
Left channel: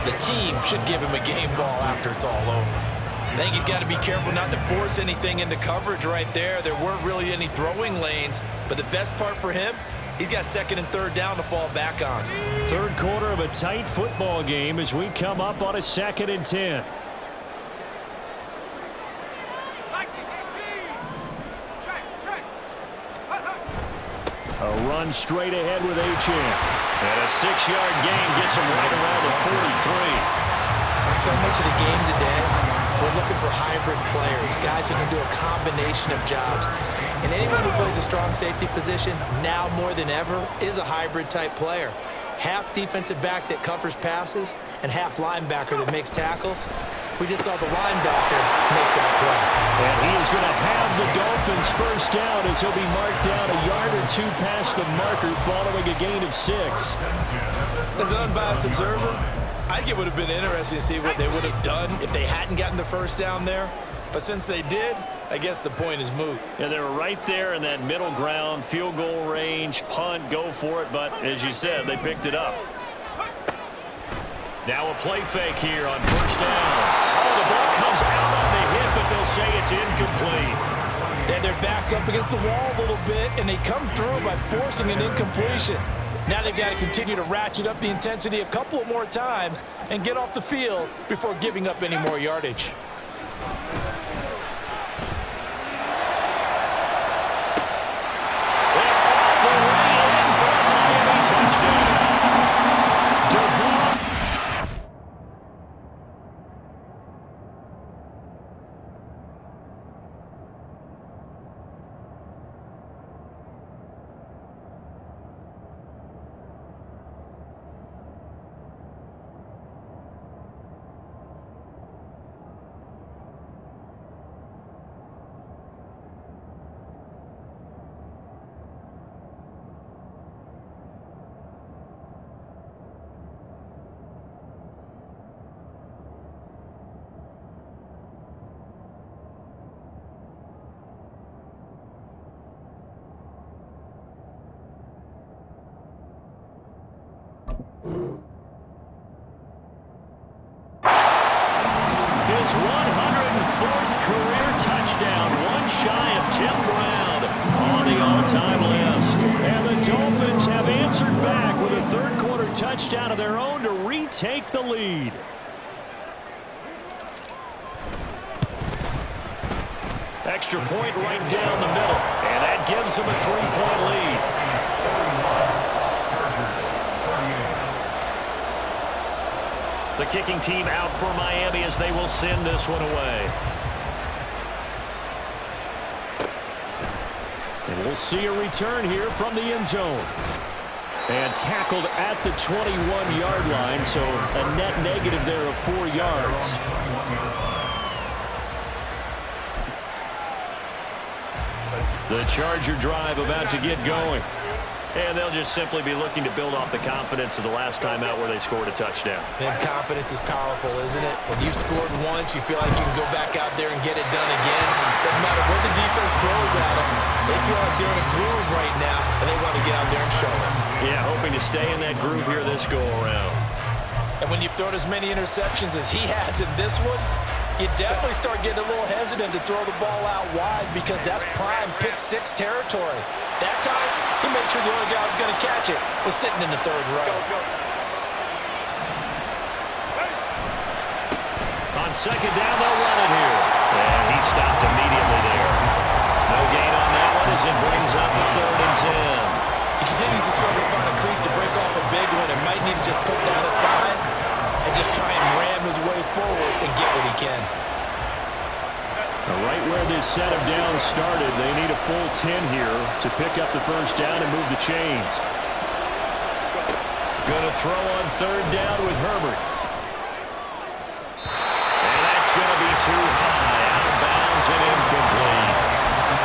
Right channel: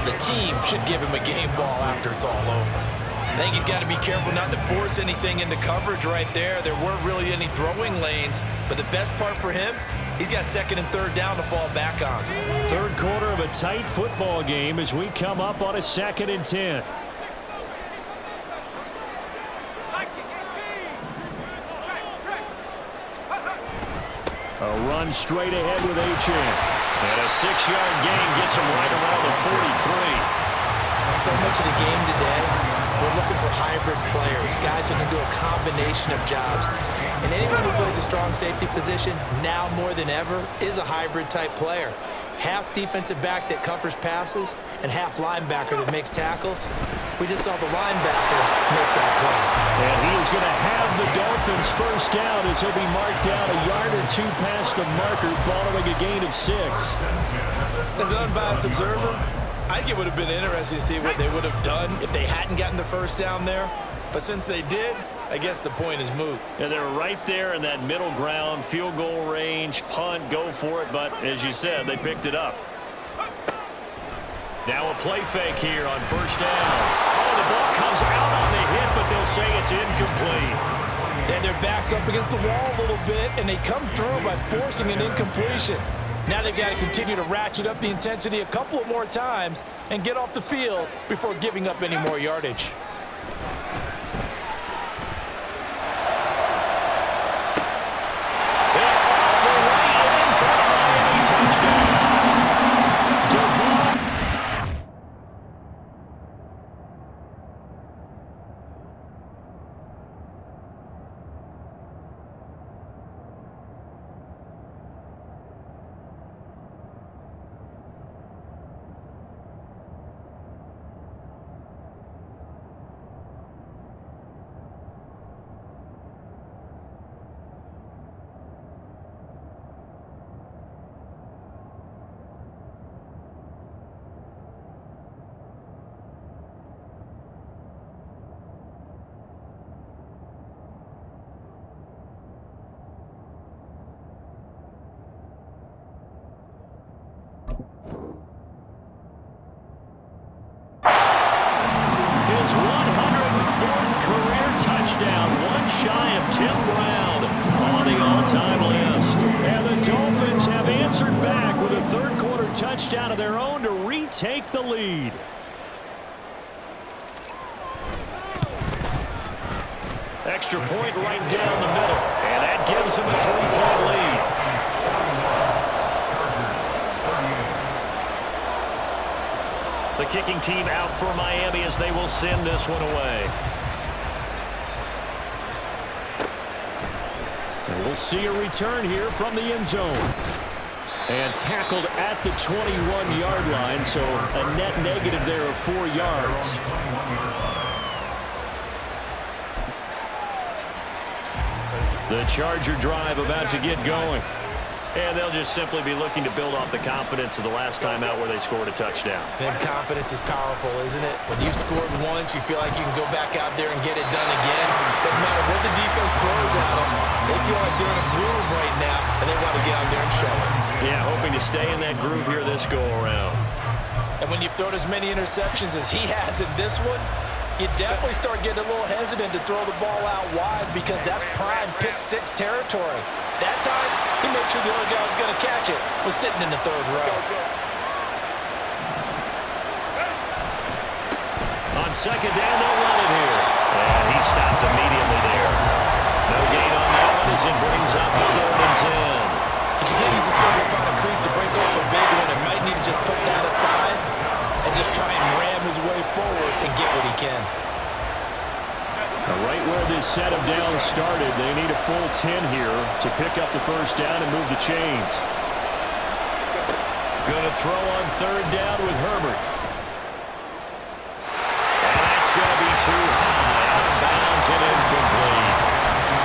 the team should give him a game ball after it's all over. I think he's got to be careful not to force anything into coverage right there. There weren't really any throwing lanes, but the best part for him, he's got second and third down to fall back on. Third quarter of a tight football game as we come up on a 2nd and 10. A run straight ahead with Achane. And a 6-yard gain gets him right around the 43. So much of the game today, we're looking for hybrid players, guys who can do a combination of jobs. And anyone who plays a strong safety position, now more than ever, is a hybrid type player. Half defensive back that covers passes and half linebacker that makes tackles. We just saw the linebacker make that play. And he is going to have the Dolphins first down as he'll be marked down a yard or 2 past the marker following a gain of 6. As an unbiased observer, I think it would have been interesting to see what they would have done if they hadn't gotten the first down there. But since they did, I guess the point is moot. Yeah, they were right there in that middle ground, field goal range, punt, go for it. But as you said, they picked it up. Now a play fake here on first down. Oh, the ball comes out on the hit, but they'll say it's incomplete. And their back's up against the wall a little bit, and they come through by forcing an incompletion. Now they've got to continue to ratchet up the intensity a couple of more times and get off the field before giving up any more yardage. They're all the way in for a Miami touchdown. Devon. His 104th career touchdown, one shy of Tim Brown on the all-time list. And the Dolphins have answered back with a third-quarter touchdown of their own to retake the lead. Extra point right down the middle, and that gives them a 3-point lead. The kicking team out for Miami as they will send this one away. And we'll see a return here from the end zone. And tackled at the 21-yard line, so a net negative there of 4 yards. The Charger drive about to get going. And they'll just simply be looking to build off the confidence of the last time out where they scored a touchdown. And confidence is powerful, isn't it? When you've scored once, you feel like you can go back out there and get it done again. Doesn't matter what the defense throws at them. They feel like they're in a groove right now, and they want to get out there and show it. Yeah, hoping to stay in that groove here this go-around. And when you've thrown as many interceptions as he has in this one, you definitely start getting a little hesitant to throw the ball out wide because that's prime pick-6 territory. That time, he made sure the only guy who was going to catch it was sitting in the third row. On second down, they'll run it here. And he stopped immediately there. No gain on that one as it brings up the 3rd and 10. He continues to struggle to find a crease to break off a big one and might need to just put that aside and just try and ram his way forward and get what he can. Right where this set of downs started, they need a full 10 here to pick up the first down and move the chains. Going to throw on 3rd down with Herbert. And that's going to be too high, out of bounds and incomplete.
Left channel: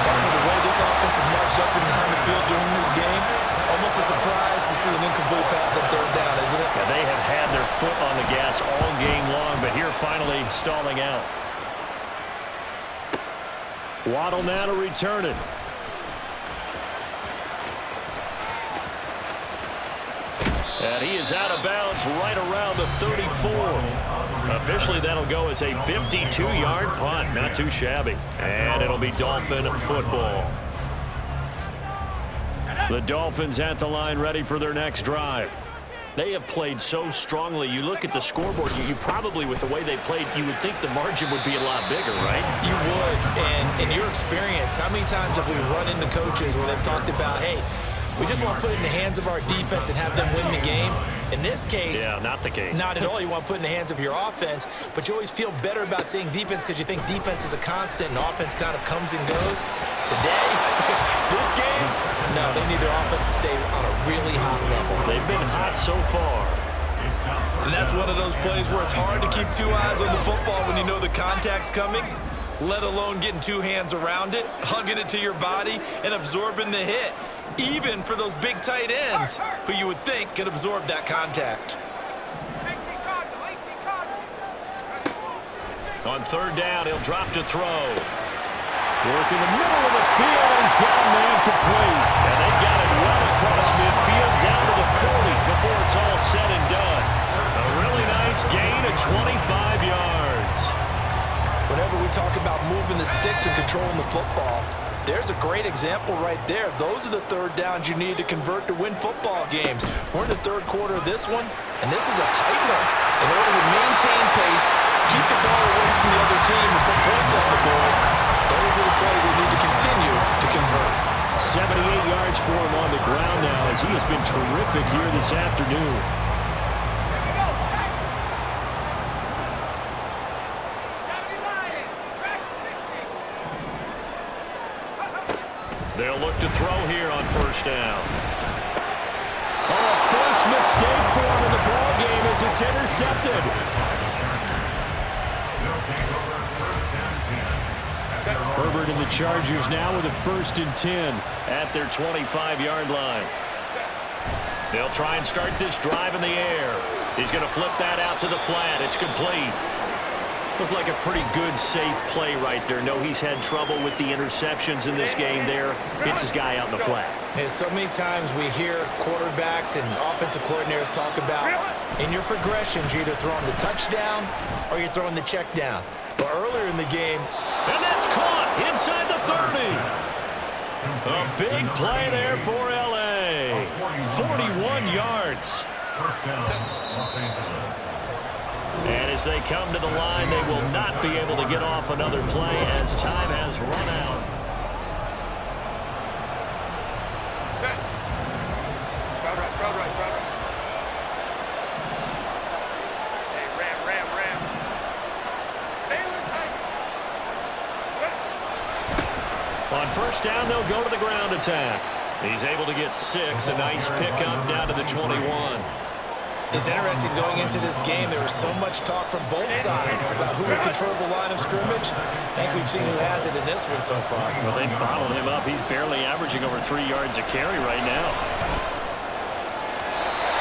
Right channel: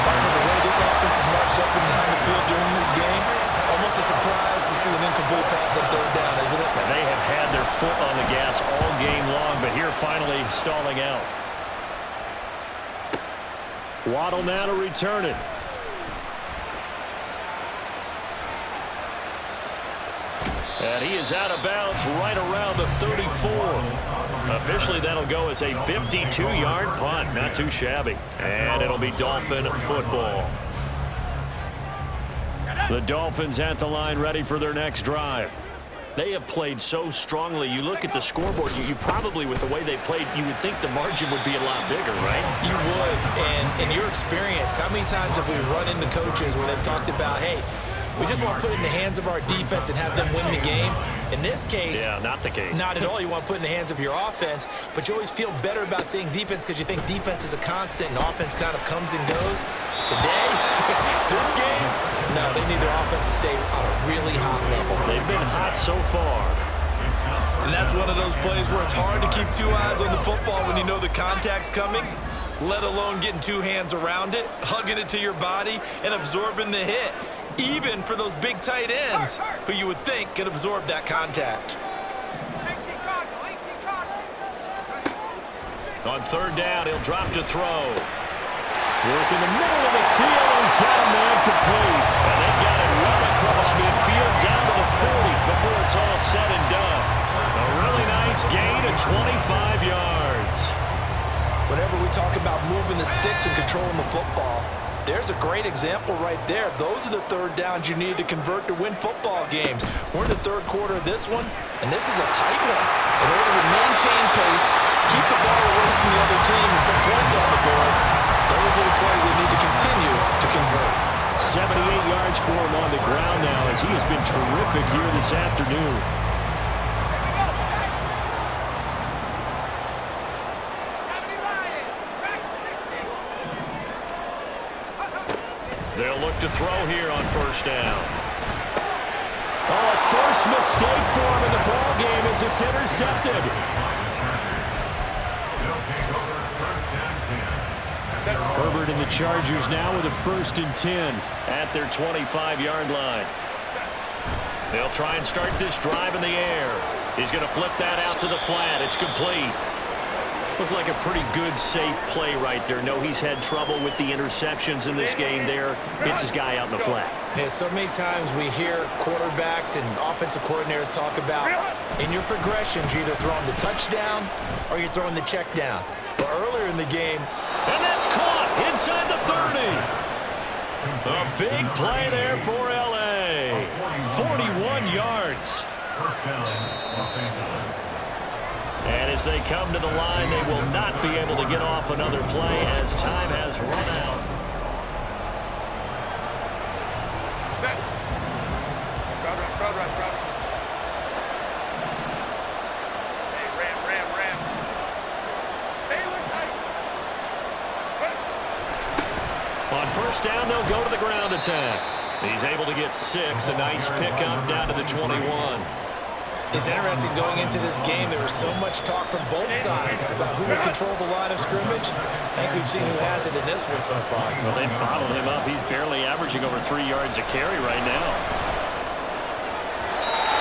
Partner, the way this offense has marched up and down the field during this game, it's almost a surprise to see an incomplete pass on 3rd down, isn't it? And they have had their foot on the gas all game long, but here finally stalling out. Waddle now to return it. And he is out of bounds right around the 34. Officially, that'll go as a 52-yard punt. Not too shabby. And it'll be Dolphin football. The Dolphins at the line ready for their next drive. They have played so strongly. You look at the scoreboard, you probably, with the way they played, you would think the margin would be a lot bigger, right? You would. And in your experience, how many times have we run into coaches where they've talked about, hey, we just want to put it in the hands of our defense and have them win the game? In this case, yeah, not the case. Not at all. You want to put it in the hands of your offense, but you always feel better about saying defense because you think defense is a constant and offense kind of comes and goes. Today, this game, no, they need their offense to stay on a really hot level. They've been hot so far. And that's one of those plays where it's hard to keep 2 eyes on the football when you know the contact's coming, let alone getting 2 hands around it, hugging it to your body, and absorbing the hit. Even for those big tight ends who you would think could absorb that contact. On 3rd down, he'll drop to throw. Work in the middle of the field, and he's got a man complete. And they've got it well across midfield down to the 40 before it's all said and done. A really nice gain of 25 yards. Whenever we talk about moving the sticks and controlling the football, there's a great example right there. Those are the 3rd downs you need to convert to win football games. We're in the 3rd quarter of this one, and this is a tight one. In order to maintain pace, keep the ball away from the other team, and put points on the board, those are the plays they need to continue to convert. 78 yards for him on the ground now as he has been terrific here this afternoon. They'll look to throw here on 1st down. Oh, a first mistake for him in the ball game as it's intercepted. Herbert and the Chargers now with a 1st and 10 at their 25-yard line. They'll try and start this drive in the air. He's going to flip that out to the flat. It's complete. Looked like a pretty good, safe play right there. No, he's had trouble with the interceptions in this game there. Hits his guy out in the flat. Yeah, so many times we hear quarterbacks and offensive coordinators talk about in your progressions, you're either throwing the touchdown or you're throwing the check down. But earlier in the game, and that's caught inside the 30. A big play there for L.A. 41 yards. First down, Los Angeles. And as they come to the line, they will not be able to get off another play as time has run out. Set. Crowd right, crowd right, crowd right. Hey, ram. Baylor tight. On first down, they'll go to the ground attack. He's able to get 6. A nice pickup down to the 21. it's interesting going into this game. There was so much talk from both sides about who would control the line of scrimmage. I think we've seen who has it in this one so far. Well, they bottled him up. He's barely averaging over 3 yards a carry right now.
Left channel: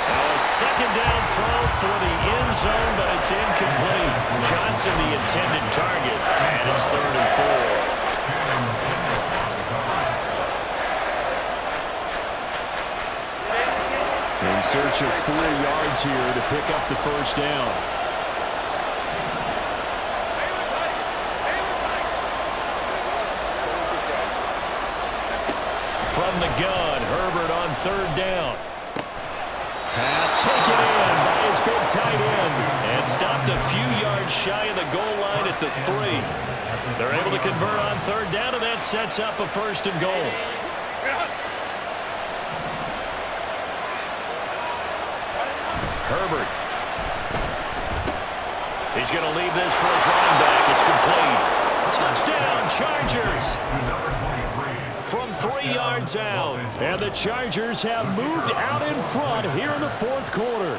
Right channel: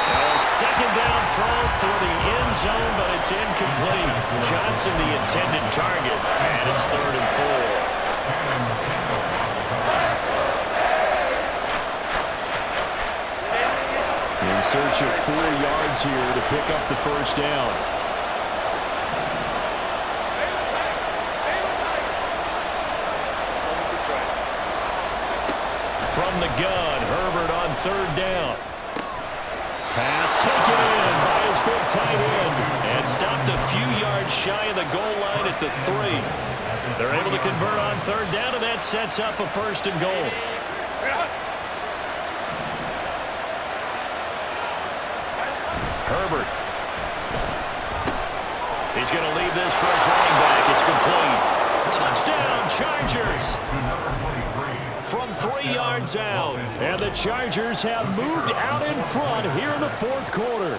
Now a second down throw for the end zone, but it's incomplete. Johnson the intended target, and it's 3rd and 4. In search of 4 yards here to pick up the first down. From the gun, Herbert on 3rd down. Pass taken in by his big tight end. And stopped a few yards shy of the goal line at the 3. They're able to convert on 3rd down, and that sets up a 1st and goal. Herbert. He's going to leave this for his running back. It's complete. Touchdown, Chargers. From 3 yards out. And the Chargers have moved out in front here in the 4th quarter.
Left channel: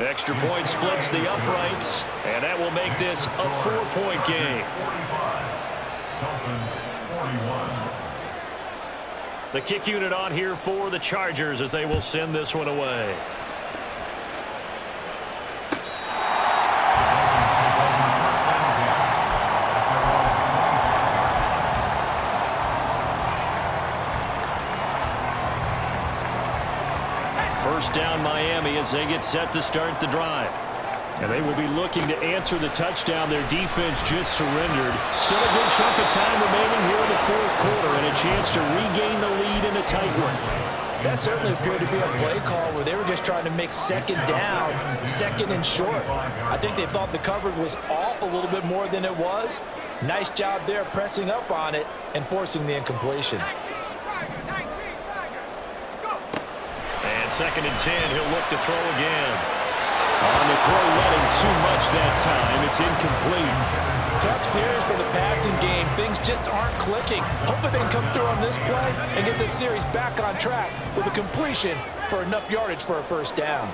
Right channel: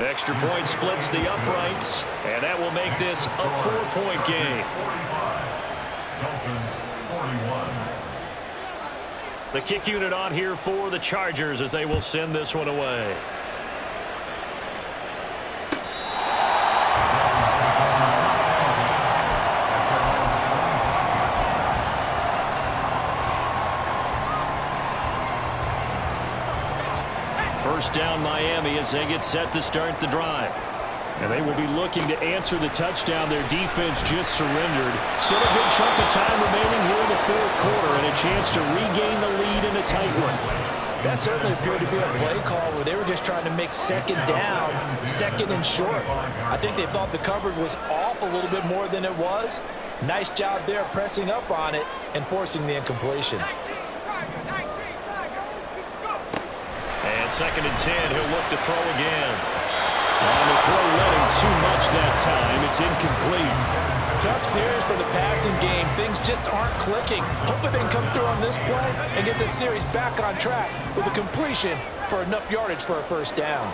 Extra point splits the uprights, and that will make this a 4-point game. 45. Dolphins 41. The kick unit on here for the Chargers as they will send this one away. First down Miami as they get set to start the drive. And they will be looking to answer the touchdown their defense just surrendered. Still a good chunk of time remaining here in the 4th quarter and a chance to regain the lead in a tight one. That certainly appeared to be a play call where they were just trying to make 2nd down, 2nd and short. I think they thought the coverage was off a little bit more than it was. Nice job there pressing up on it and forcing the incompletion. And 2nd and 10, he'll look to throw again. On the throw, letting too much that time. It's incomplete. Tough series for the passing game. Things just aren't clicking. Hopefully they can come through on this play and get this series back on track with a completion for enough yardage for a 1st down.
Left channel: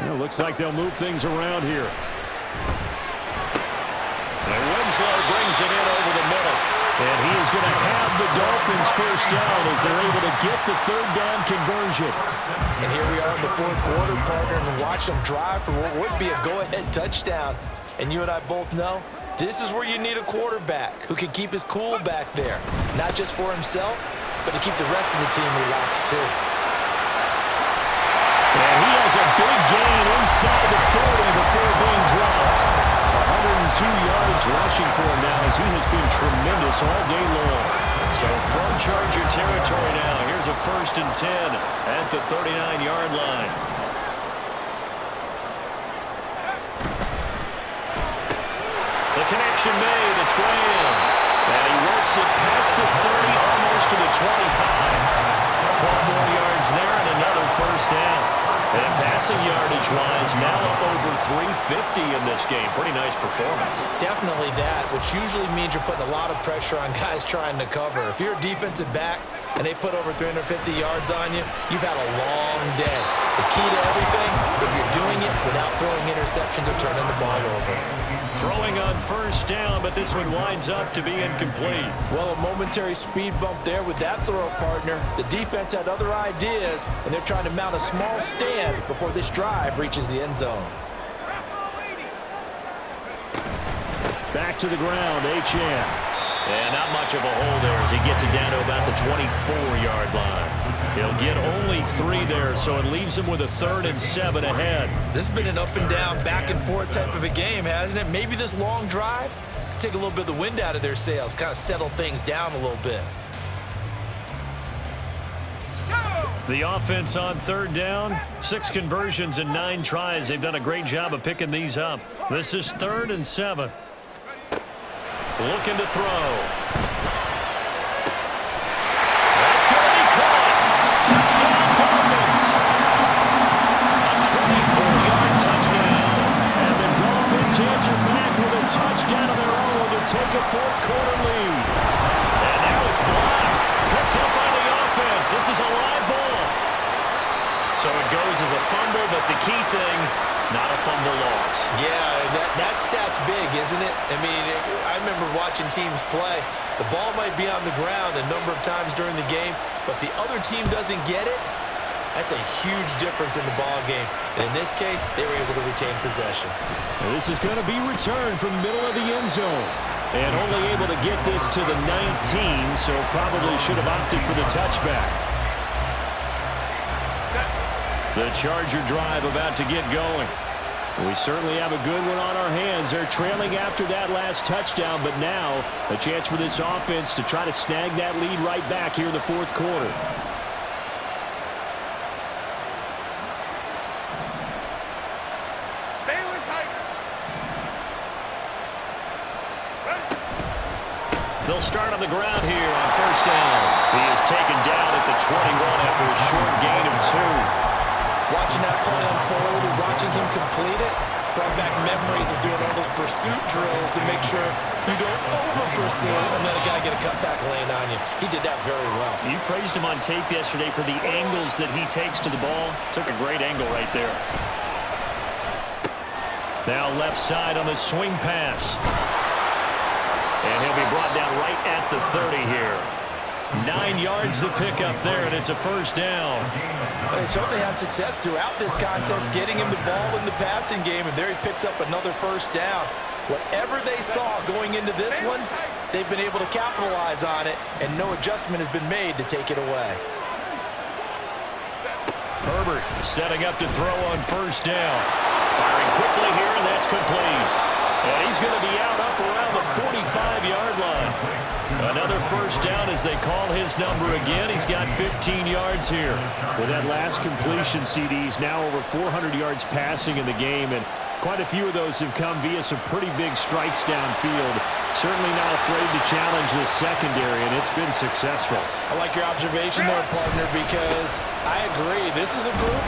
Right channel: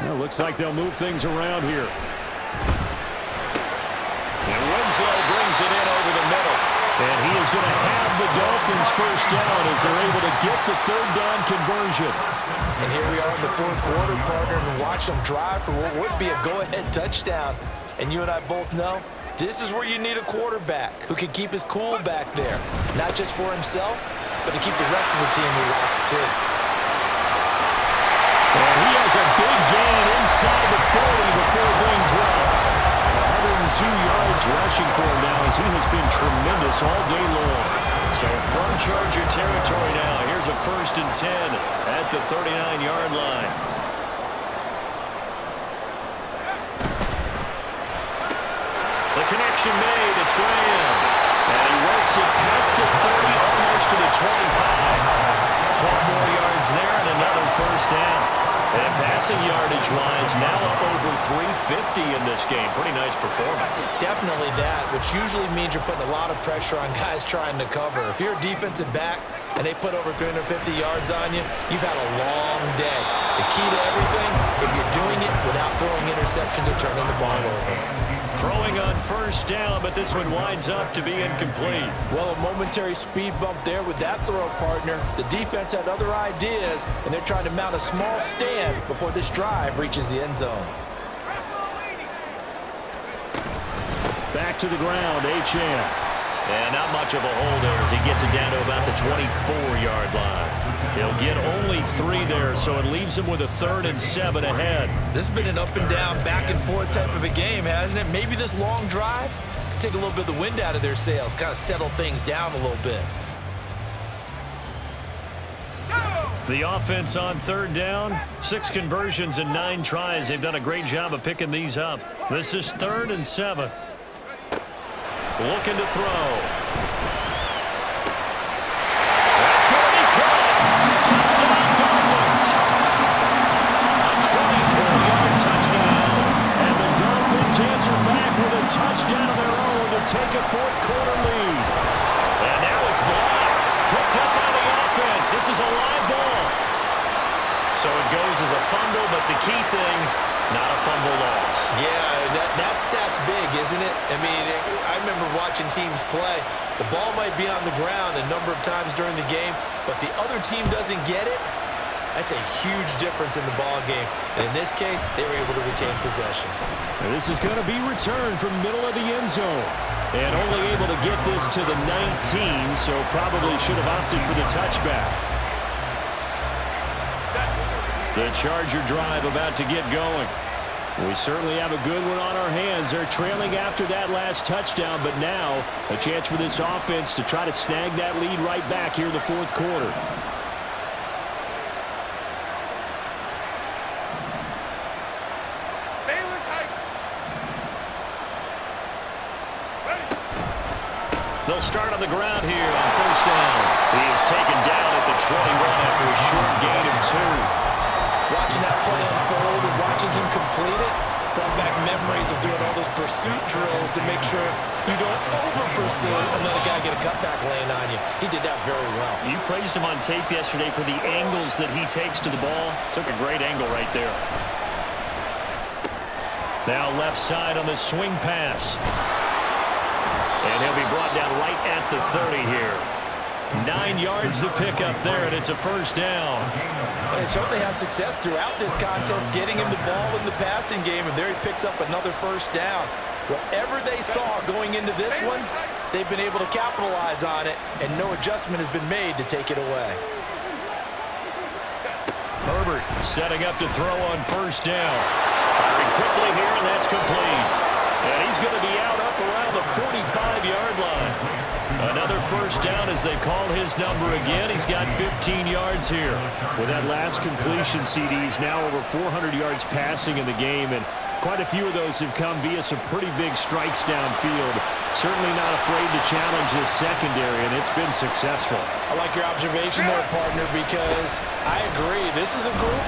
Well, looks like they'll move things around here. And Winslow brings it in over the middle. And he is going to have the Dolphins first down as they're able to get the 3rd down conversion. And here we are in the 4th quarter, partner, and watch them drive for what would be a go-ahead touchdown. And you and I both know this is where you need a quarterback who can keep his cool back there, not just for himself, but to keep the rest of the team relaxed too. And he has a big gain inside the 40 before being dropped. 102 yards rushing for him now as he has been tremendous all day long. So from Charger territory now, here's a 1st and 10 at the 39-yard line. The connection made. It's Graham. And he works it past the 30, almost to the 25. 12 more yards there and another 1st down. And passing yardage-wise, now up over 350 in this game. Pretty nice performance. Definitely that, which usually means you're putting a lot of pressure on guys trying to cover. If you're a defensive back, and they put over 350 yards on you, you've had a long day. The key to everything, if you're doing it without throwing interceptions or turning the ball over. Throwing on first down, but this one winds up to be incomplete. Well, a momentary speed bump there with that throw, partner. The defense had other ideas, and they're trying to mount a small stand before this drive reaches the end zone. Back to the ground, Achane. And not much of a hole there as he gets it down to about the 24-yard line. He'll get only 3 there, so it leaves him with a 3rd and 7 ahead. This has been an up and down, back and forth type of a game, hasn't it? Maybe this long drive take a little bit of the wind out of their sails, kind of settle things down a little bit. The offense on 3rd down, 6 conversions and 9 tries. They've done a great job of picking these up. This is 3rd and 7. Looking to throw. That's going to be caught. Touchdown, Dolphins. A 24-yard touchdown. And the Dolphins answer back with a touchdown of their own to take a 4th quarter lead. And now it's blocked. Picked up by the offense. This is a live ball. So it goes as a fumble, but the key thing, not a fumble loss. Yeah, that stat's big, isn't it? I mean, I remember watching teams play. The ball might be on the ground a number of times during the game, but the other team doesn't get it. That's a huge difference in the ball game. And in this case, they were able to retain possession. And this is going to be returned from middle of the end zone. And only able to get this to the 19, so probably should have opted for the touchback. The Charger drive about to get going. We certainly have a good one on our hands. They're trailing after that last touchdown, but now a chance for this offense to try to snag that lead right back here in the 4th quarter. They'll start on the ground here on 1st down. He is taken down at the 21 after a short gain of 2. Watching that play unfold and watching him complete it brought back memories of doing all those pursuit drills to make sure you don't over-pursue and let a guy get a cutback lane on you. He did that very well. You praised him on tape yesterday for the angles that he takes to the ball. Took a great angle right there. Now left side on the swing pass. And he'll be brought down right at the 30 here. 9 yards to pick up there, and it's a 1st down. They certainly had success throughout this contest, getting him the ball in the passing game, and there he picks up another 1st down. Whatever they saw going into this one, they've been able to capitalize on it, and no adjustment has been made to take it away. Herbert setting up to throw on 1st down. Firing quickly here, and that's complete. And he's going to be out up around the 45-yard line. Another 1st down as they call his number again. He's got 15 yards here. With that last completion, CDs now over 400 yards passing in the game, and quite a few of those have come via some pretty big strikes downfield. Certainly not afraid to challenge the secondary, and it's been successful. I like your observation there, partner, because I agree. This is a group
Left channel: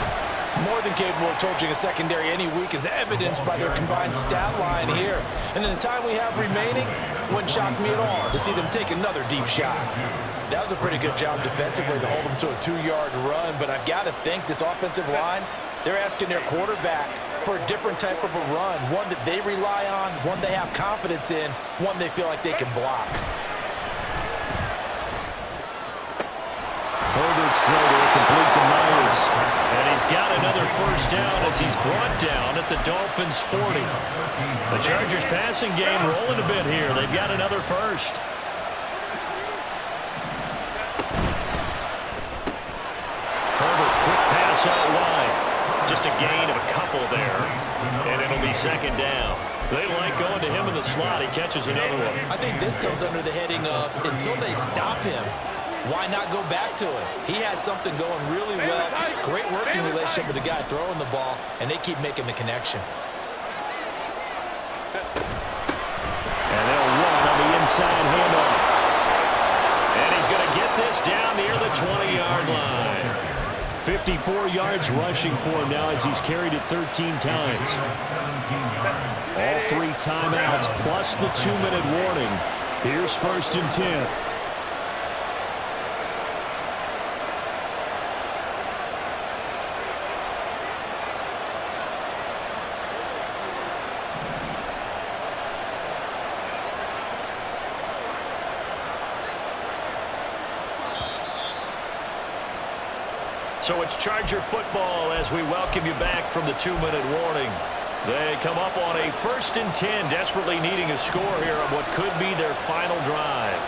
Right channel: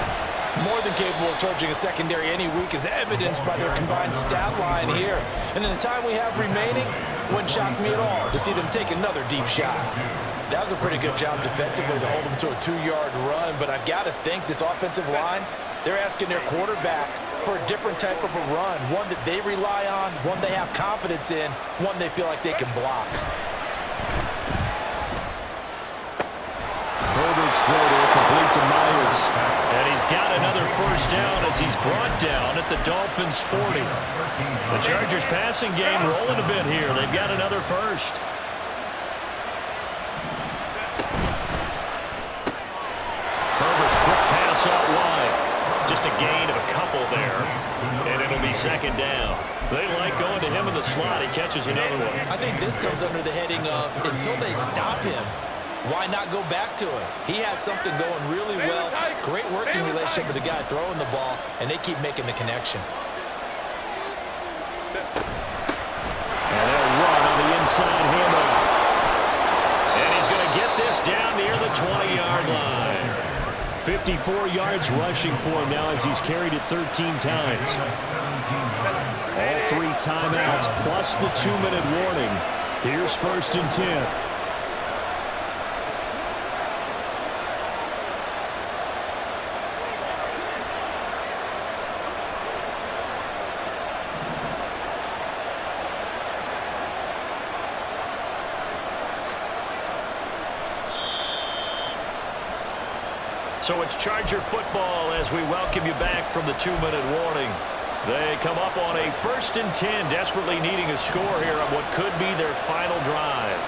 more than capable of torching a secondary any week, as evidenced by their combined stat line here. And in the time we have remaining, wouldn't shock me at all to see them take another deep shot. That was a pretty good job defensively to hold them to a 2-yard run, but I've got to think this offensive line, they're asking their quarterback for a different type of a run, one that they rely on, one they have confidence in, one they feel like they can block. Herbert's throw there complete to Myers. And he's got another 1st down as he's brought down at the Dolphins' 40. The Chargers' passing game rolling a bit here. They've got another 1st. Herbert, quick pass out wide. Just a gain of a couple there. And it'll be 2nd down. They like going to him in the slot. He catches another one. I think this comes under the heading of until they stop him, why not go back to it? He has something going really well. Great working relationship with the guy throwing the ball, and they keep making the connection. And they'll run on the inside handoff. And he's going to get this down near the 20-yard line. 54 yards rushing for him now as he's carried it 13 times. All 3 timeouts plus the 2-minute warning. Here's 1st and 10. So it's Charger football as we welcome you back from the 2-minute warning. They come up on a 1st and 10, desperately needing a score here on what could be their final drive.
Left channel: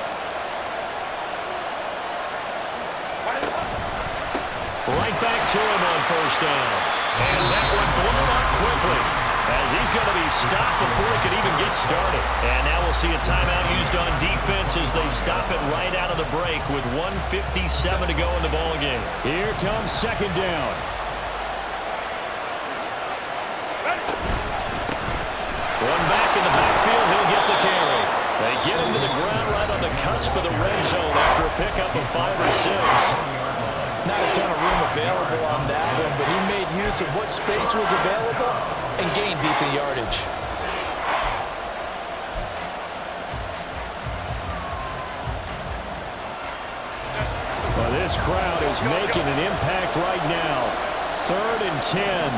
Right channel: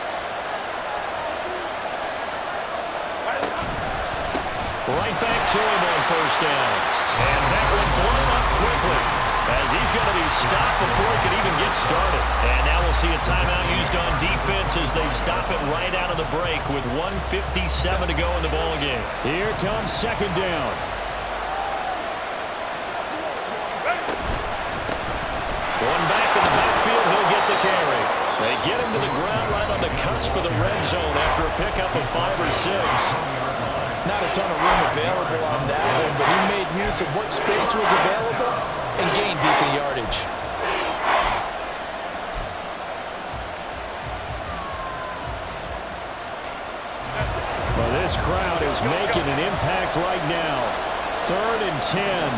Right back to him on 1st down. And that one blown up quickly as he's going to be stopped before he could even get started. And now we'll see a timeout used on defense as they stop it right out of the break with 1:57 to go in the ballgame. Here comes 2nd down. One back in the backfield, he'll get the carry. They get him to the ground right on the cusp of the red zone after a pickup of 5 or 6. Not a ton of room available on that one, but he made use of what space was available and gained decent yardage. Well, this crowd is making an impact right now. 3rd and 10.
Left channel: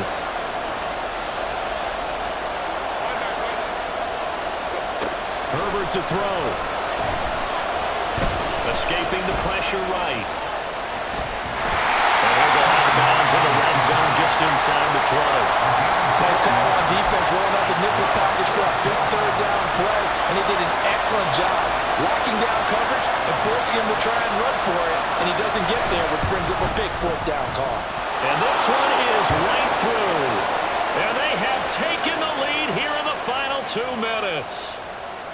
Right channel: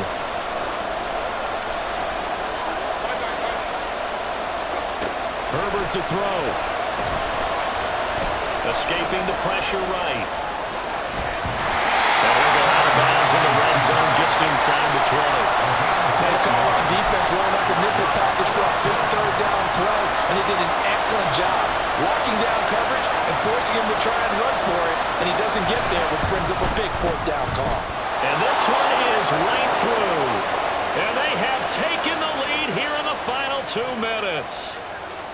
Herbert to throw. Escaping the pressure right. And he'll go out of bounds in the red zone just inside the 20. Nice call on defense, rolling out the nickel package for a big 3rd down play, and he did an excellent job locking down coverage and forcing him to try and run for it, and he doesn't get there, which brings up a big 4th down call. And this one is right through. And they have taken the lead here in the final 2 minutes.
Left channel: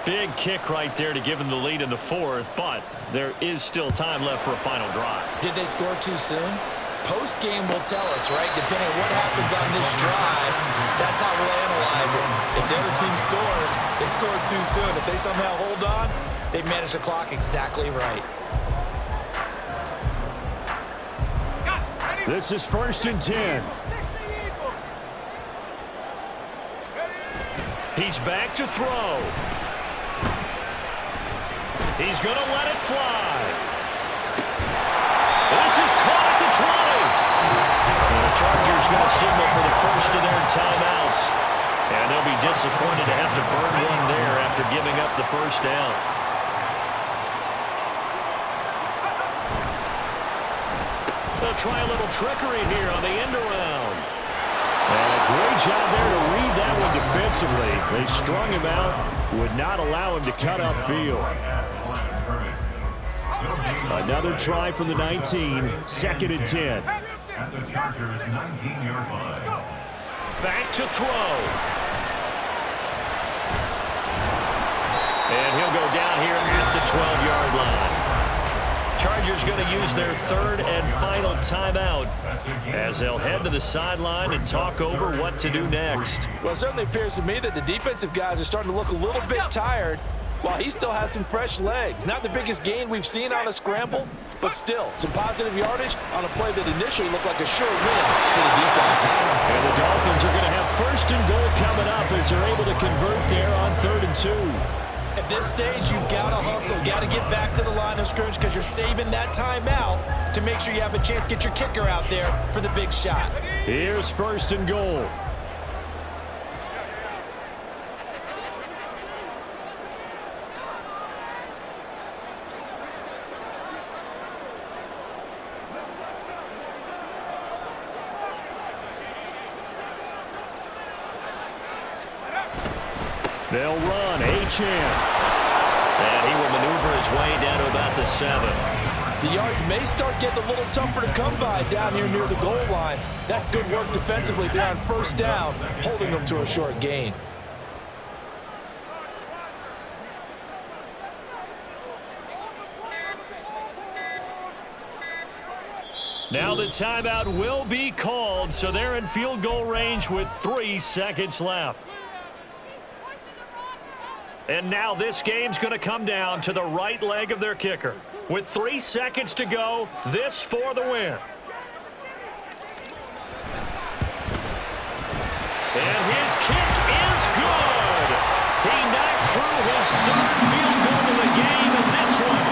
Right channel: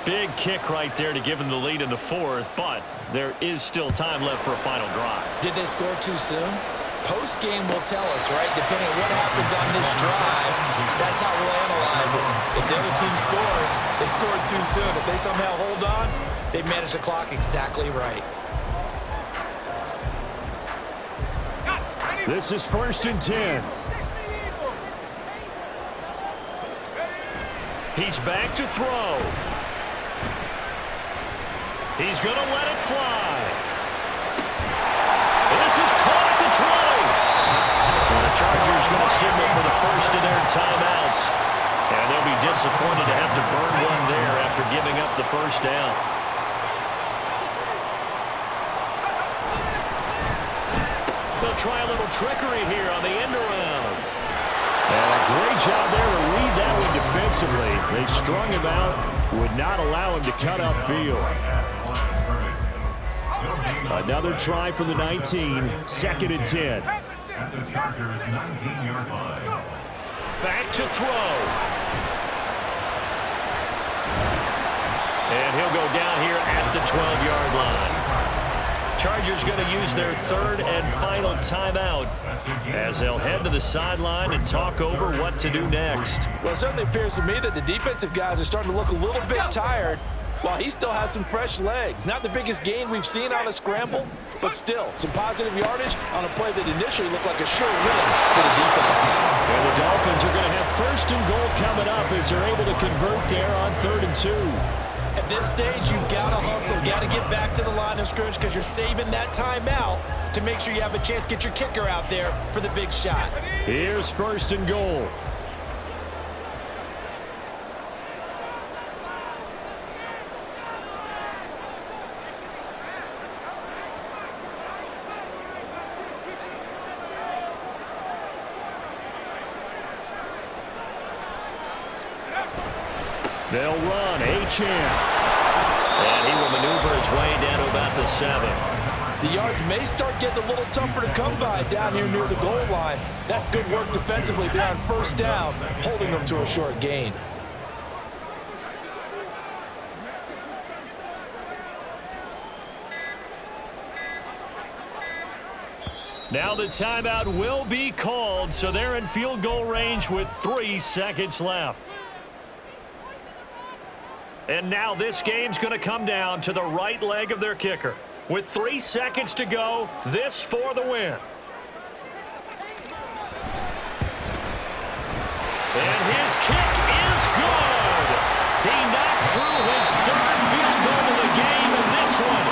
Big kick right there to give them the lead in the 4th, but there is still time left for a final drive. Did they score too soon? Post-game will tell us, right? Depending on what happens on this drive, that's how we'll analyze it. If the other team scores, they scored too soon. If they somehow hold on, they managed the clock exactly right. This is 1st and 10. He's back to throw. He's going to let it fly. This is caught at the 20. And the Chargers going to signal for the first of their timeouts. And they'll be disappointed to have to burn one there after giving up the 1st down. They'll try a little trickery here on the end around. And a great job there to read that one defensively. They strung him out, would not allow him to cut upfield. Another try from the 19, 2nd and 10. At the Chargers' 19-yard line. Back to throw. And he'll go down here at the 12-yard line. Chargers going to use their 3rd and final timeout as they'll head to the sideline and talk over what to do next. Well, it certainly appears to me that the defensive guys are starting to look a little bit tired while he still has some fresh legs. Not the biggest gain we've seen on a scramble, but still some positive yardage on a play that initially looked like a sure win for the defense. And the Dolphins are going to have 1st and goal coming up as they're able to convert there on 3rd and 2. At this stage, you've got to hustle, got to get back to the line of scrimmage because you're saving that timeout to make sure you have a chance to get your kicker out there for the big shot. Here's 1st and goal. They'll run H.M. And he will maneuver his way down to about the 7. The yards may start getting a little tougher to come by down here near the goal line. That's good work defensively there on 1st down, holding them to a short gain. Now the timeout will be called, so they're in field goal range with 3 seconds left. And now this game's going to come down to the right leg of their kicker. With 3 seconds to go, this for the win. And his kick is good. He knocks through his 3rd field goal of the game, and this one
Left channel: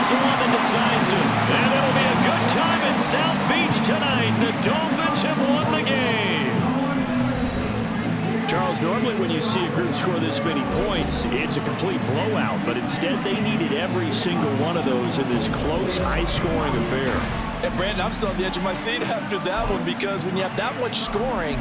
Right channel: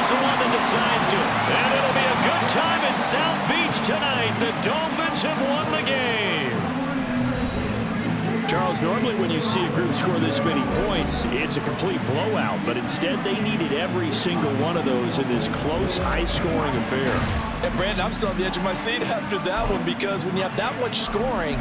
is the one that decides it. And it'll be a good time in South Beach tonight. The Dolphins have won the game. Charles, normally when you see a group score this many points, it's a complete blowout. But instead, they needed every single one of those in this close, high-scoring affair. And Brandon, I'm still on the edge of my seat after that one, because when you have that much scoring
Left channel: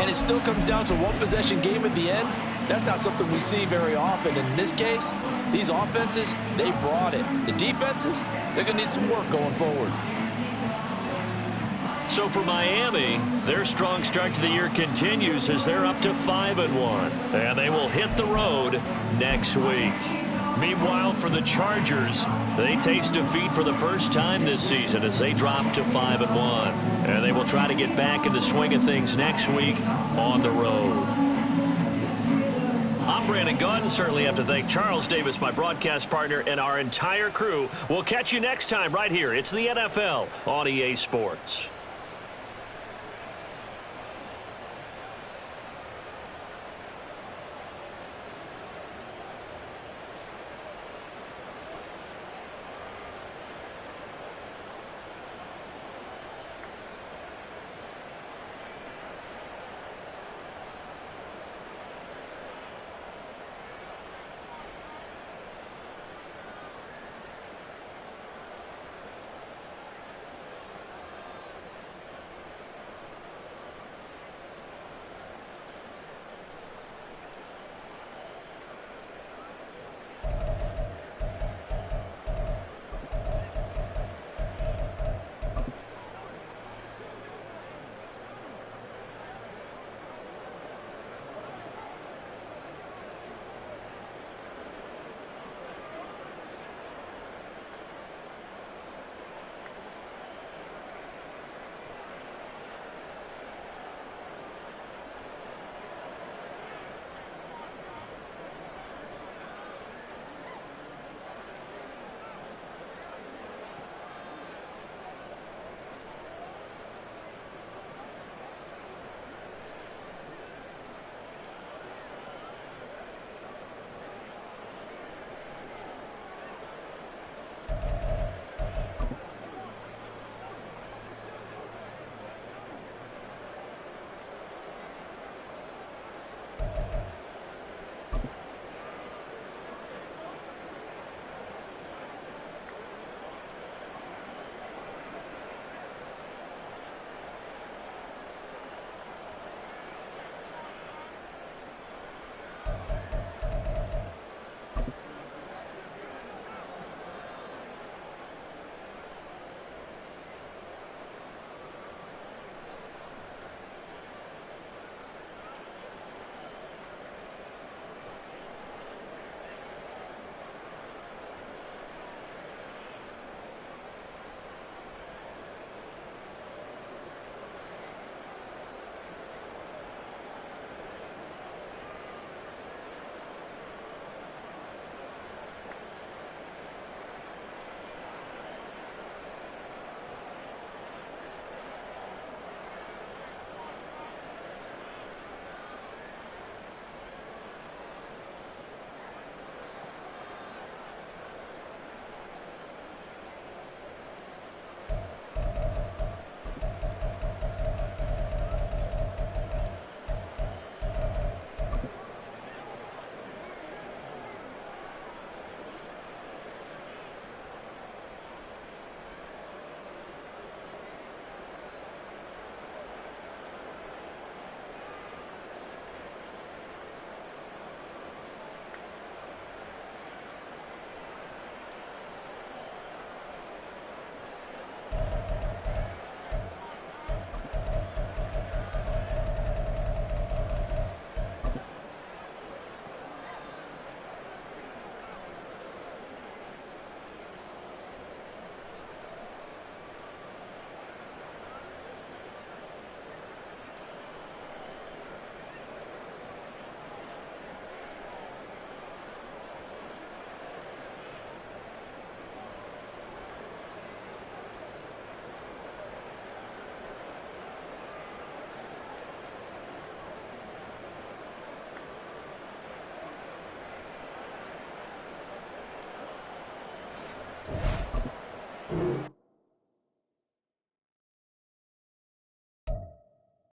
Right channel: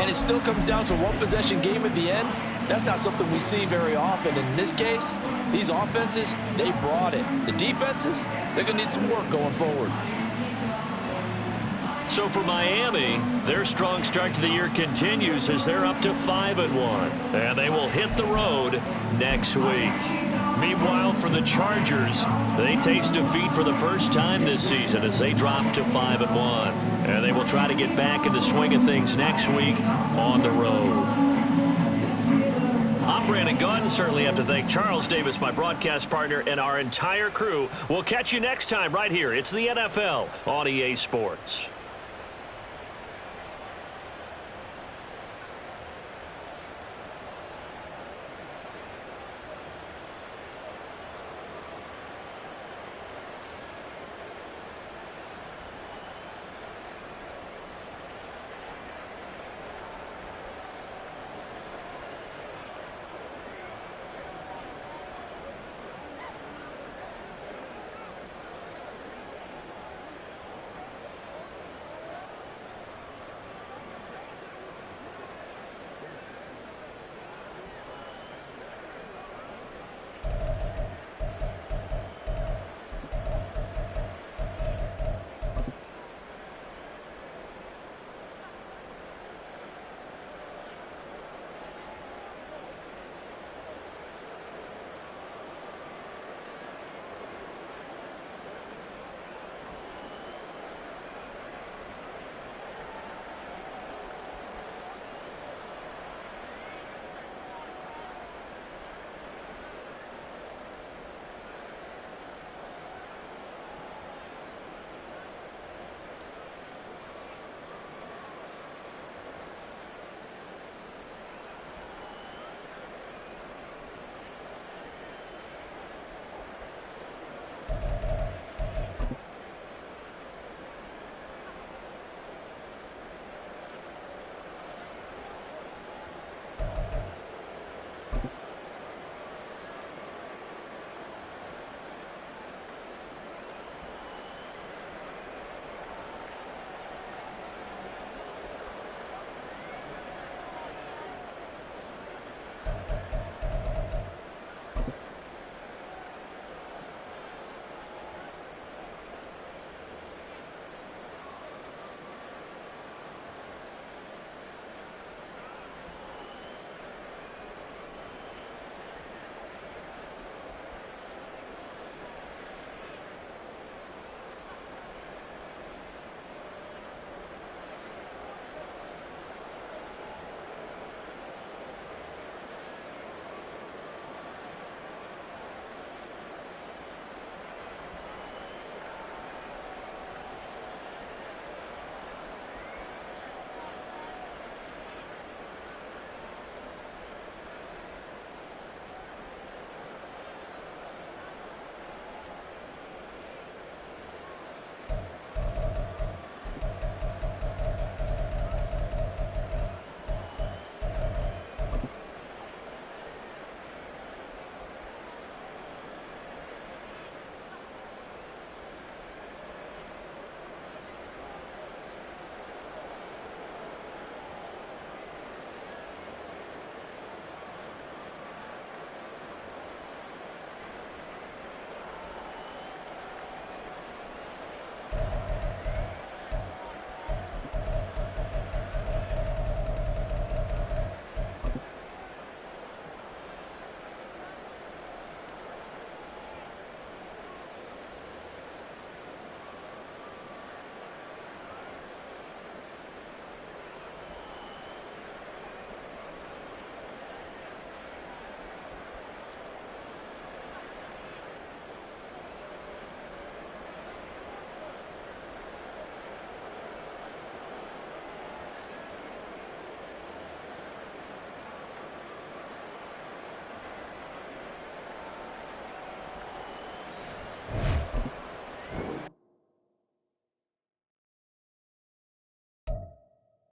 and it still comes down to one possession game at the end, that's not something we see very often. And in this case, these offenses, they brought it. The defenses, they're going to need some work going forward. So for Miami, their strong start to the year continues as they're up to 5-1. And they will hit the road next week. Meanwhile, for the Chargers, they taste defeat for the first time this season as they drop to 5-1. And they will try to get back in the swing of things next week on the road. I'm Brandon Gunn. Certainly have to thank Charles Davis, my broadcast partner, and our entire crew. We'll catch you next time right here. It's the NFL on EA Sports.